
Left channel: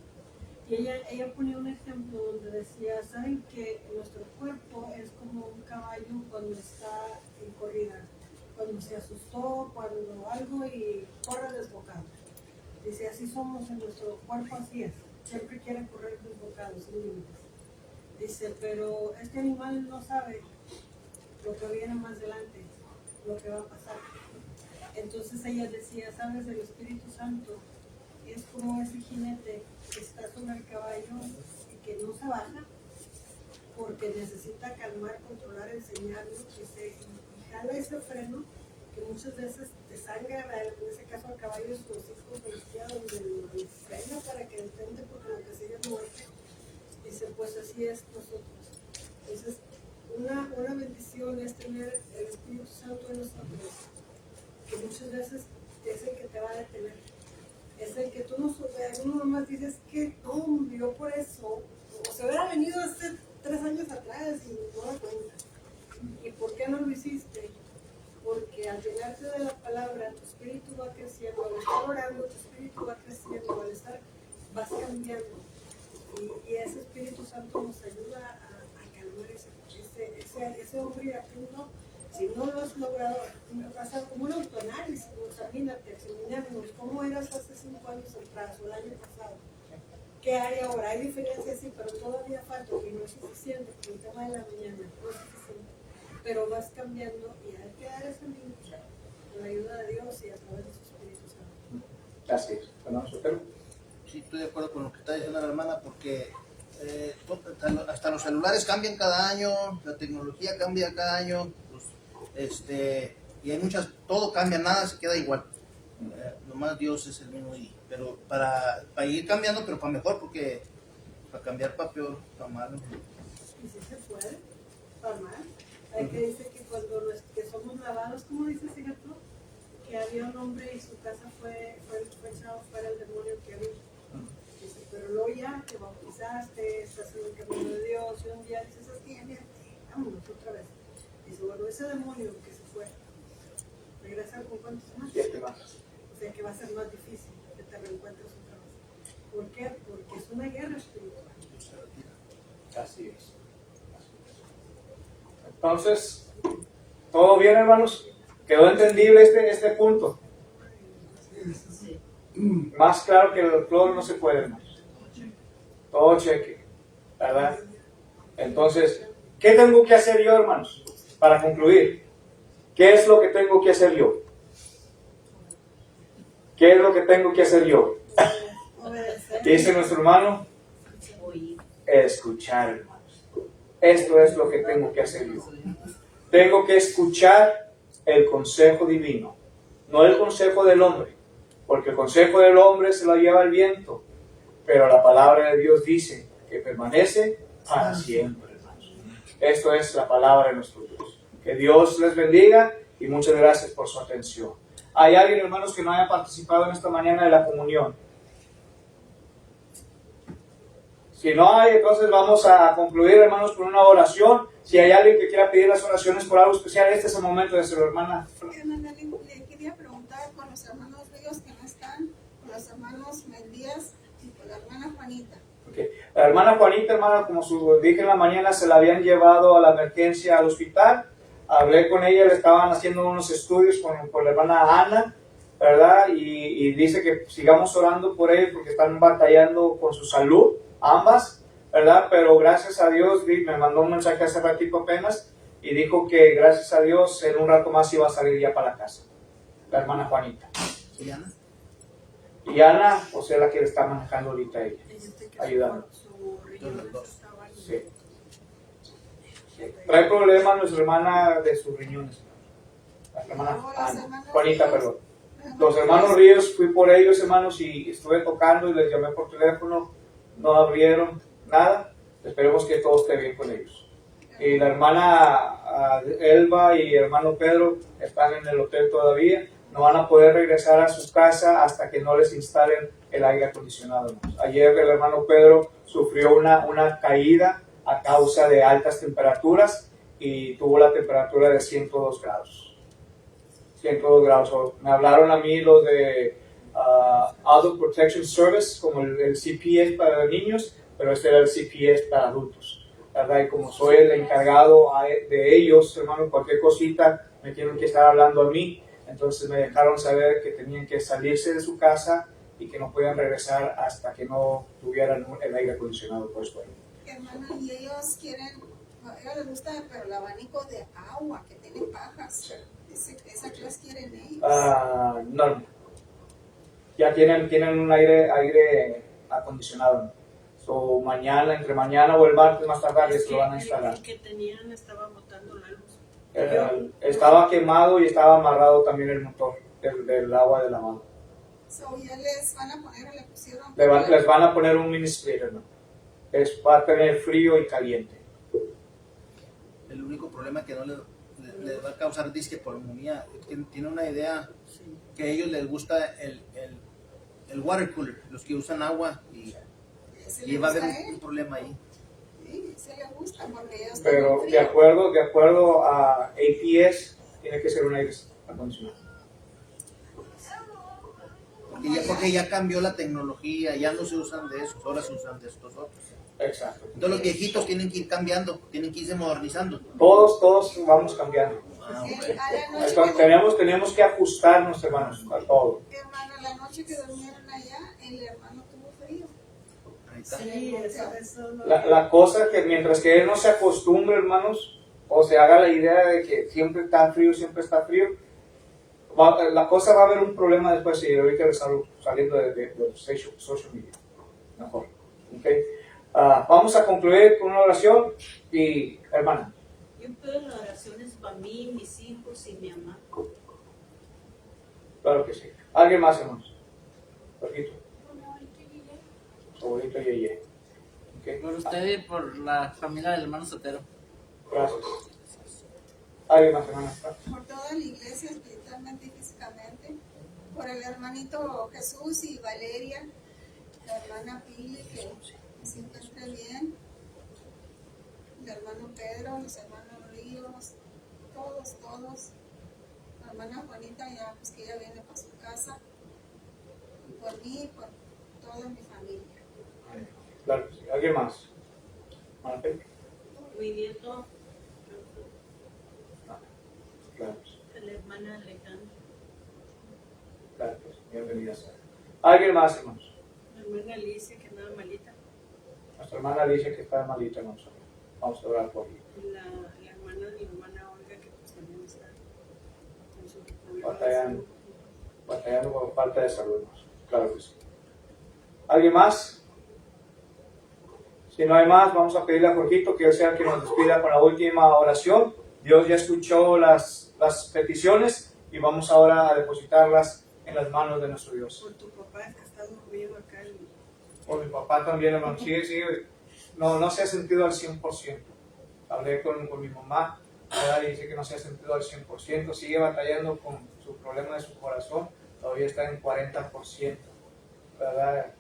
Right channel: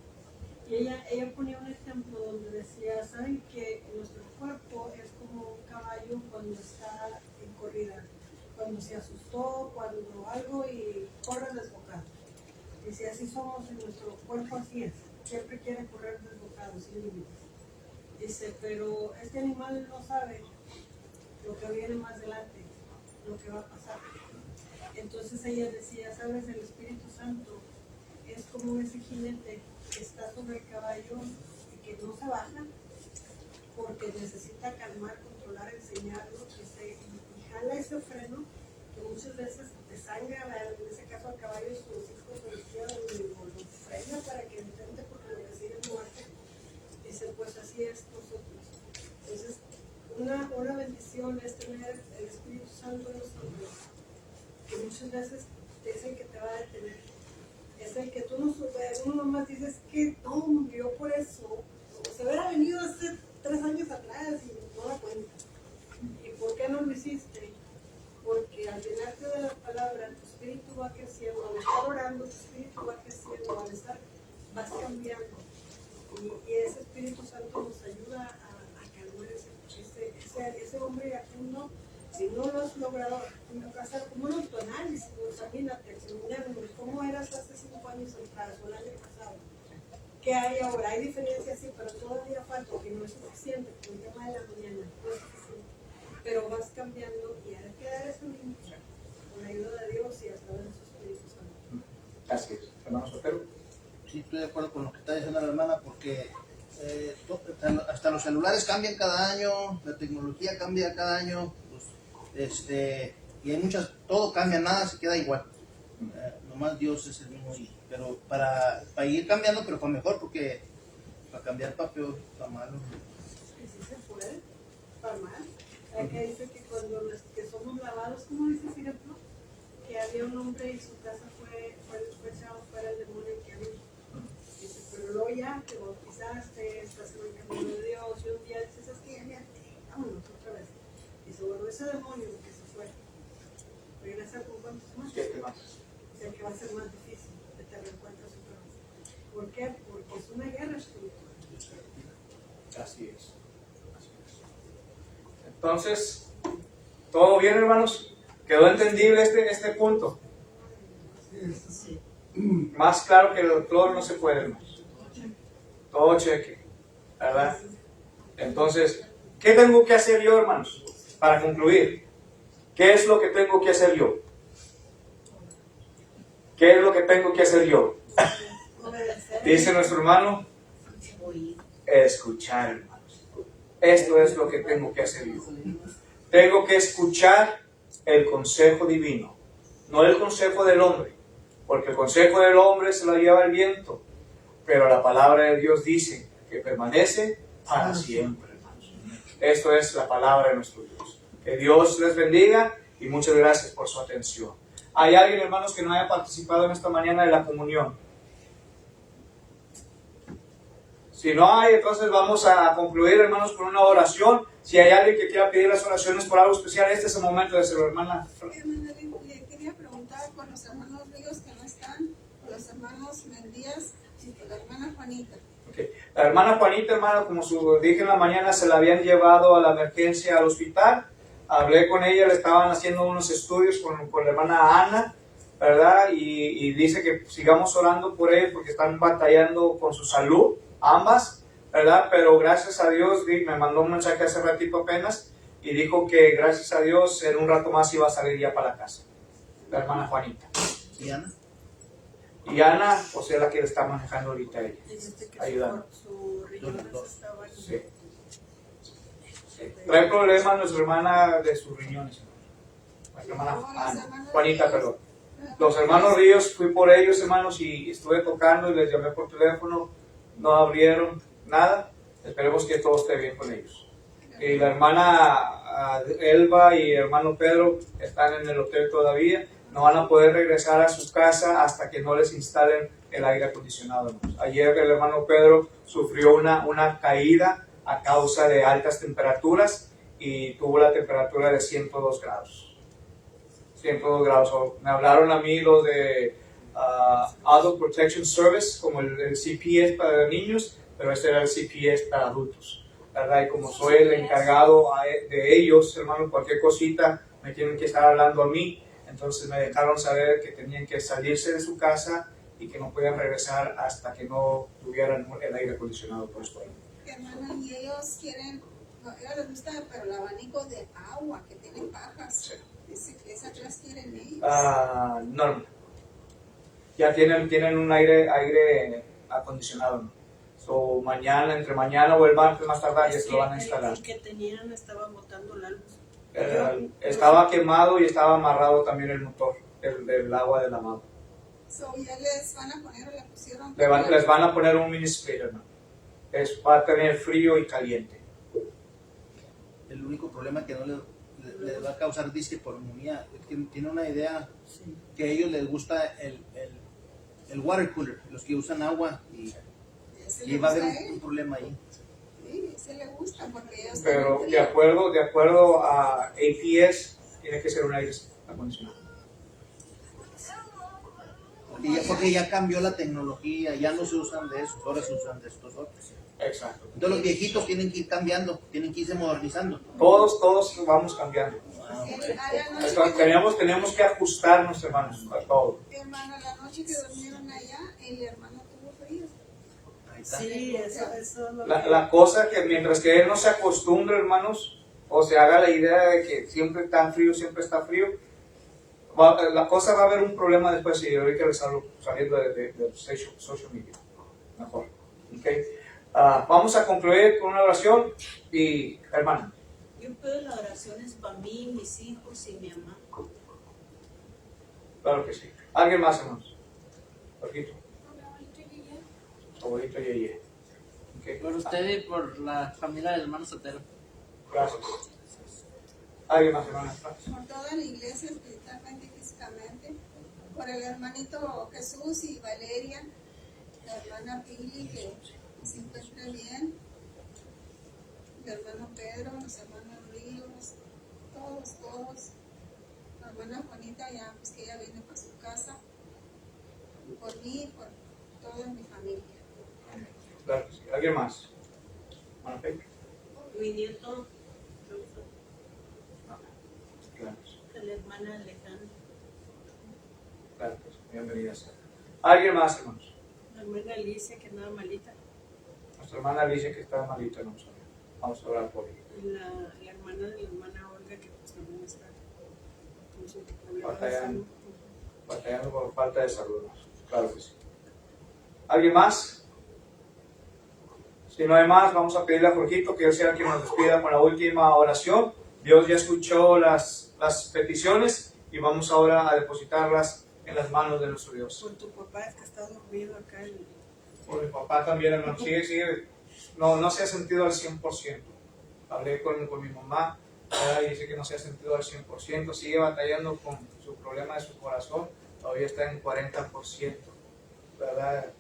Y ella ponía un ejemplo donde decía, ¿saben que nuestro cuerpo es como un caballo cuando está cuando se asustó, cuando algo y corre desbocado. Dice, así somos en nuestro cuerpo, así es. Siempre quiere correr desbocado, sin límites. Dice, pero este animal no sabe lo que viene más adelante, lo que va a pasar. Entonces ella decía, sabes, el Espíritu Santo es como ese jinete que está sobre el caballo y que no se baja porque necesita calmar, controlar, enseñarlo, y jala ese freno que muchas veces te sangra, en ese caso al caballo es los hijos de izquierda, donde lo frena para que detente porque lo que sigue es muerte. Dice, pues así es nosotros. Entonces, una bendición es tener el Espíritu Santo en nosotros, que muchas veces es el que te va a detener. Es el que tú no superas, uno nomás dices que no murió por eso, o se hubiera venido hace 3 años atrás y no da cuenta. ¿Y por qué no lo hiciste? Porque al llenarte de la palabra, tu espíritu va creciendo, al estar orando, tu espíritu va creciendo, al estar, vas cambiando. Y ese Espíritu Santo nos ayuda a calmar ese hombre iracundo. Si no lo has logrado, hacer un autoanálisis, examínate, examinarnos cómo eras hace 5 años atrás o el año pasado. ¿Qué hay ahora? Hay diferencias, sí, pero todavía falta, que no es suficiente, porque el tema de la mañana no es suficiente. Pero vas cambiando y hay que dar ese límite con la ayuda de Dios y a través de su Espíritu Santo. Así es, hermano Sotero. Sí, estoy de acuerdo con lo que está diciendo la hermana, porque hasta los celulares cambian cada año, la tecnología cambia cada año, y hay muchas, todo cambia, nada se queda igual. Nomás Dios es el mismo, pero para ir cambiando, pero para mejor, porque para cambiar para peor, para malo. Y si se puede, para mal. Hay que dice que cuando que somos lavados, ¿cómo dice ese ejemplo? Que había un hombre y su casa fue echado fuera el demonio que había. Dice, pero luego ya te bautizaste, estás en el camino de Dios, y un día dices, es que ya me harté, vámonos otra vez. Dice, bueno, ese demonio que se fue, regresa con cuántos más. 7 más. O sea que va a ser más difícil que te reencuentres otra vez. ¿Por qué? Porque es una guerra espiritual. Así es. Entonces, ¿todo bien, hermanos? ¿Quedó entendible este punto? Sí. Más claro que el cloro no se puede, hermanos. Todo cheque, ¿verdad? Entonces, ¿qué tengo que hacer yo, hermanos? Para concluir, ¿qué es lo que tengo que hacer yo? ¿Qué es lo que tengo que hacer yo? Dice nuestro hermano, escuchar, hermanos. Esto es lo que tengo que hacer yo. Tengo que escuchar el consejo divino, no el consejo del hombre, porque el consejo del hombre se lo lleva el viento, pero la palabra de Dios dice que permanece para siempre, hermanos. Esto es la palabra de nuestro Dios. Que Dios les bendiga y muchas gracias por su atención. ¿Hay alguien, hermanos, que no haya participado en esta mañana de la comunión? Si no hay, entonces vamos a concluir, hermanos, con una oración. Si hay alguien que quiera pedir las oraciones por algo especial, este es el momento de hacerlo, hermana. Le quería preguntar por los hermanos Ríos que no están, por los hermanos Mendías y por la hermana Juanita. Okay. La hermana Juanita, hermano, como dije en la mañana, se la habían llevado a la emergencia al hospital. Hablé con ella, le estaban haciendo unos estudios con la hermana Ana, ¿verdad? Y dice que sigamos orando por ella porque están batallando con su salud, ambas, ¿verdad? Pero gracias a Dios, me mandó un mensaje hace ratito apenas y dijo que gracias a Dios en un rato más iba a salir ya para la casa, la hermana Juanita. ¿Y Ana? Y Ana, o sea, la que le está manejando ahorita ella, ayudando. Sí. Trae problemas nuestra hermana de sus riñones, la hermana Ana, Juanita, perdón. Los hermanos Ríos, fui por ellos, hermanos, y estuve tocando y les llamé por teléfono, no abrieron nada. Esperemos que todo esté bien con ellos. Y la hermana Elba y el hermano Pedro están en el hotel todavía, no van a poder regresar a su casa hasta que no les instalen el aire acondicionado, hermanos. Ayer el hermano Pedro sufrió una caída a causa de altas temperaturas y tuvo la temperatura de 102 grados. 102 grados. Me hablaron a mí los de Adult Protection Service, como el CPS para niños, pero este era el CPS para adultos, ¿verdad? Y como soy el encargado de ellos, hermano, cualquier cosita, me tienen que estar hablando a mí. Entonces me dejaron saber que tenían que salirse de su casa y que no podían regresar hasta que no tuvieran el aire acondicionado puesto ahí. Hermana, y ellos quieren, a ellos les gusta, pero el abanico de agua que tiene pajas. Sí. Esa clase quieren ellos. No. Ya tienen un aire acondicionado. So, entre mañana o el martes más tardar ya se lo van a instalar. El que tenían estaba botando la luz. Estaba quemado y estaba amarrado también el motor del agua de lavado. So, ya les van a poner o le pusieron. Les van a poner un mini splitter, ¿no? Va a tener frío y caliente. El único problema que no le va a causar disque pulmonía, tiene una idea que a ellos les gusta el water cooler, los que usan agua, y va a haber un problema ahí. Sí, se le gusta porque ellos. Pero de acuerdo a APS, tiene que ser un aire acondicionado. Porque ya cambió la tecnología, ya no se usan de esos, ahora se usan de estos otros. Exacto. Entonces los viejitos tienen que ir cambiando, tienen que irse modernizando. Todos vamos cambiando. Okay. Tenemos que ajustarnos, hermanos, a todo. Hermano, la noche que durmieron allá, el hermano tuvo frío. Ahí está. Sí, eso lo La cosa que mientras que él no se acostumbre, hermanos, o se haga la idea de que siempre está frío, la cosa va a haber un problema después y ahorita saliendo de social media. Mejor. Okay. Vamos a concluir con una oración y, hermana. Yo pido las oraciones para mí, mis hijos y mi mamá. Claro que sí. ¿Alguien más, hermanos? Jorgito. Abuelito Yeye. Okay. Por usted y por la familia del hermano Sotero. Gracias. ¿Alguien más, hermana? Por toda la iglesia, espiritualmente y físicamente. Por el hermanito Jesús y Valeria. La hermana Pili, que se encuentre bien. El hermano Pedro, los hermanos Ríos. Todos. La hermana Juanita, ya, pues que ella viene para su casa. Por mí y por toda mi familia. Claro que sí. ¿Alguien más? ¿Hermana Pepe? Mi nieto, No. Claro que sí. la hermana Alejandra, Claro que sí. Bienvenida sea. ¿Alguien más, hermanos? la hermana Alicia que andaba malita, Nuestra hermana Alicia que está malita, no sabe. Vamos a orar por ella. y la hermana de mi hermana Olga que pues también está con su problema de Batallando. salud. Batallando por falta de salud. Claro que sí. ¿Alguien más? Si no hay más, vamos a pedirle a Jorgito que sea quien nos despida con la última oración. Dios ya escuchó las peticiones y vamos ahora a depositarlas en las manos de nuestro Dios. Por tu papá que está dormido acá en... Por mi papá también, hermano. Sigue. No se ha sentido al 100%. Hablé con mi mamá, ¿verdad? Y dice que no se ha sentido al 100%. Sigue batallando con su problema de su corazón. Todavía está en 40%. ¿Verdad?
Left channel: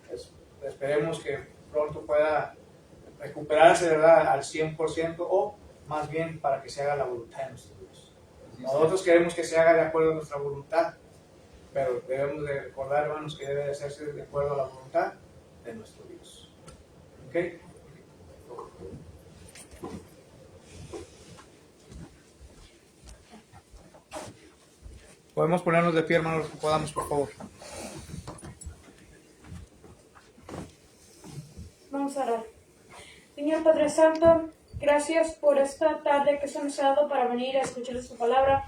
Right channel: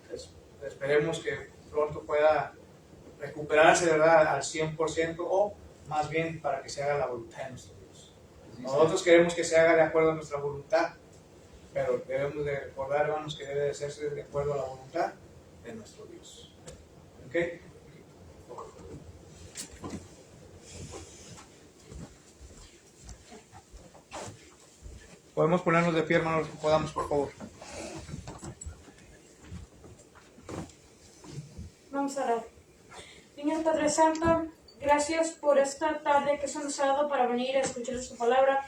Esperemos que pronto pueda recuperarse, ¿verdad? Al 100% o más bien para que se haga la voluntad de nuestro Dios. Nosotros queremos que se haga de acuerdo a nuestra voluntad, pero debemos de recordar, hermanos, que debe de hacerse de acuerdo a la voluntad de nuestro Dios. ¿Ok? Podemos ponernos de pie, hermanos, que podamos, por favor. Vamos a orar. Señor Padre Santo, gracias por esta tarde que se nos ha dado para venir a escuchar su palabra.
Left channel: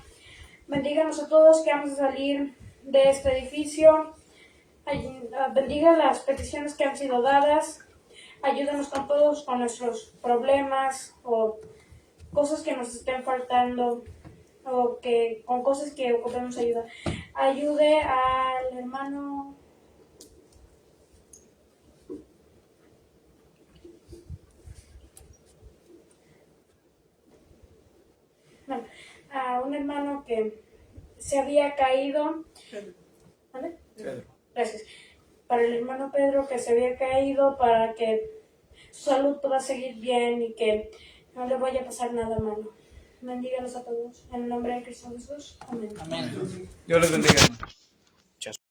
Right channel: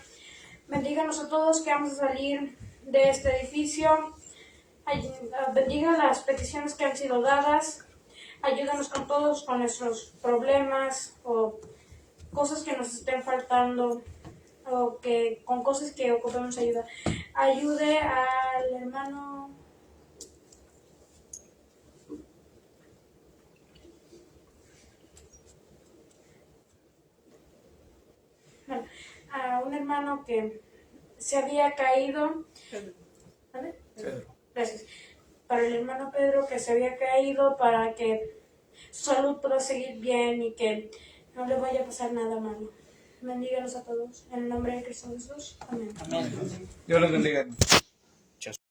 Bendíganos a todos que vamos a salir de este edificio. Bendiga las peticiones que han sido dadas. Ayúdanos con todos, con nuestros problemas o cosas que nos estén faltando o que con cosas que ocupemos ayuda. Ayude al hermano a un hermano que se había caído. ¿Vale? Pedro. Gracias. Para el hermano Pedro que se había caído, para que su salud pueda seguir bien y que no le vaya a pasar nada malo. Bendíganos a todos. En el nombre de Cristo Jesús. Amén. Amén. Dios les bendiga, hermanos.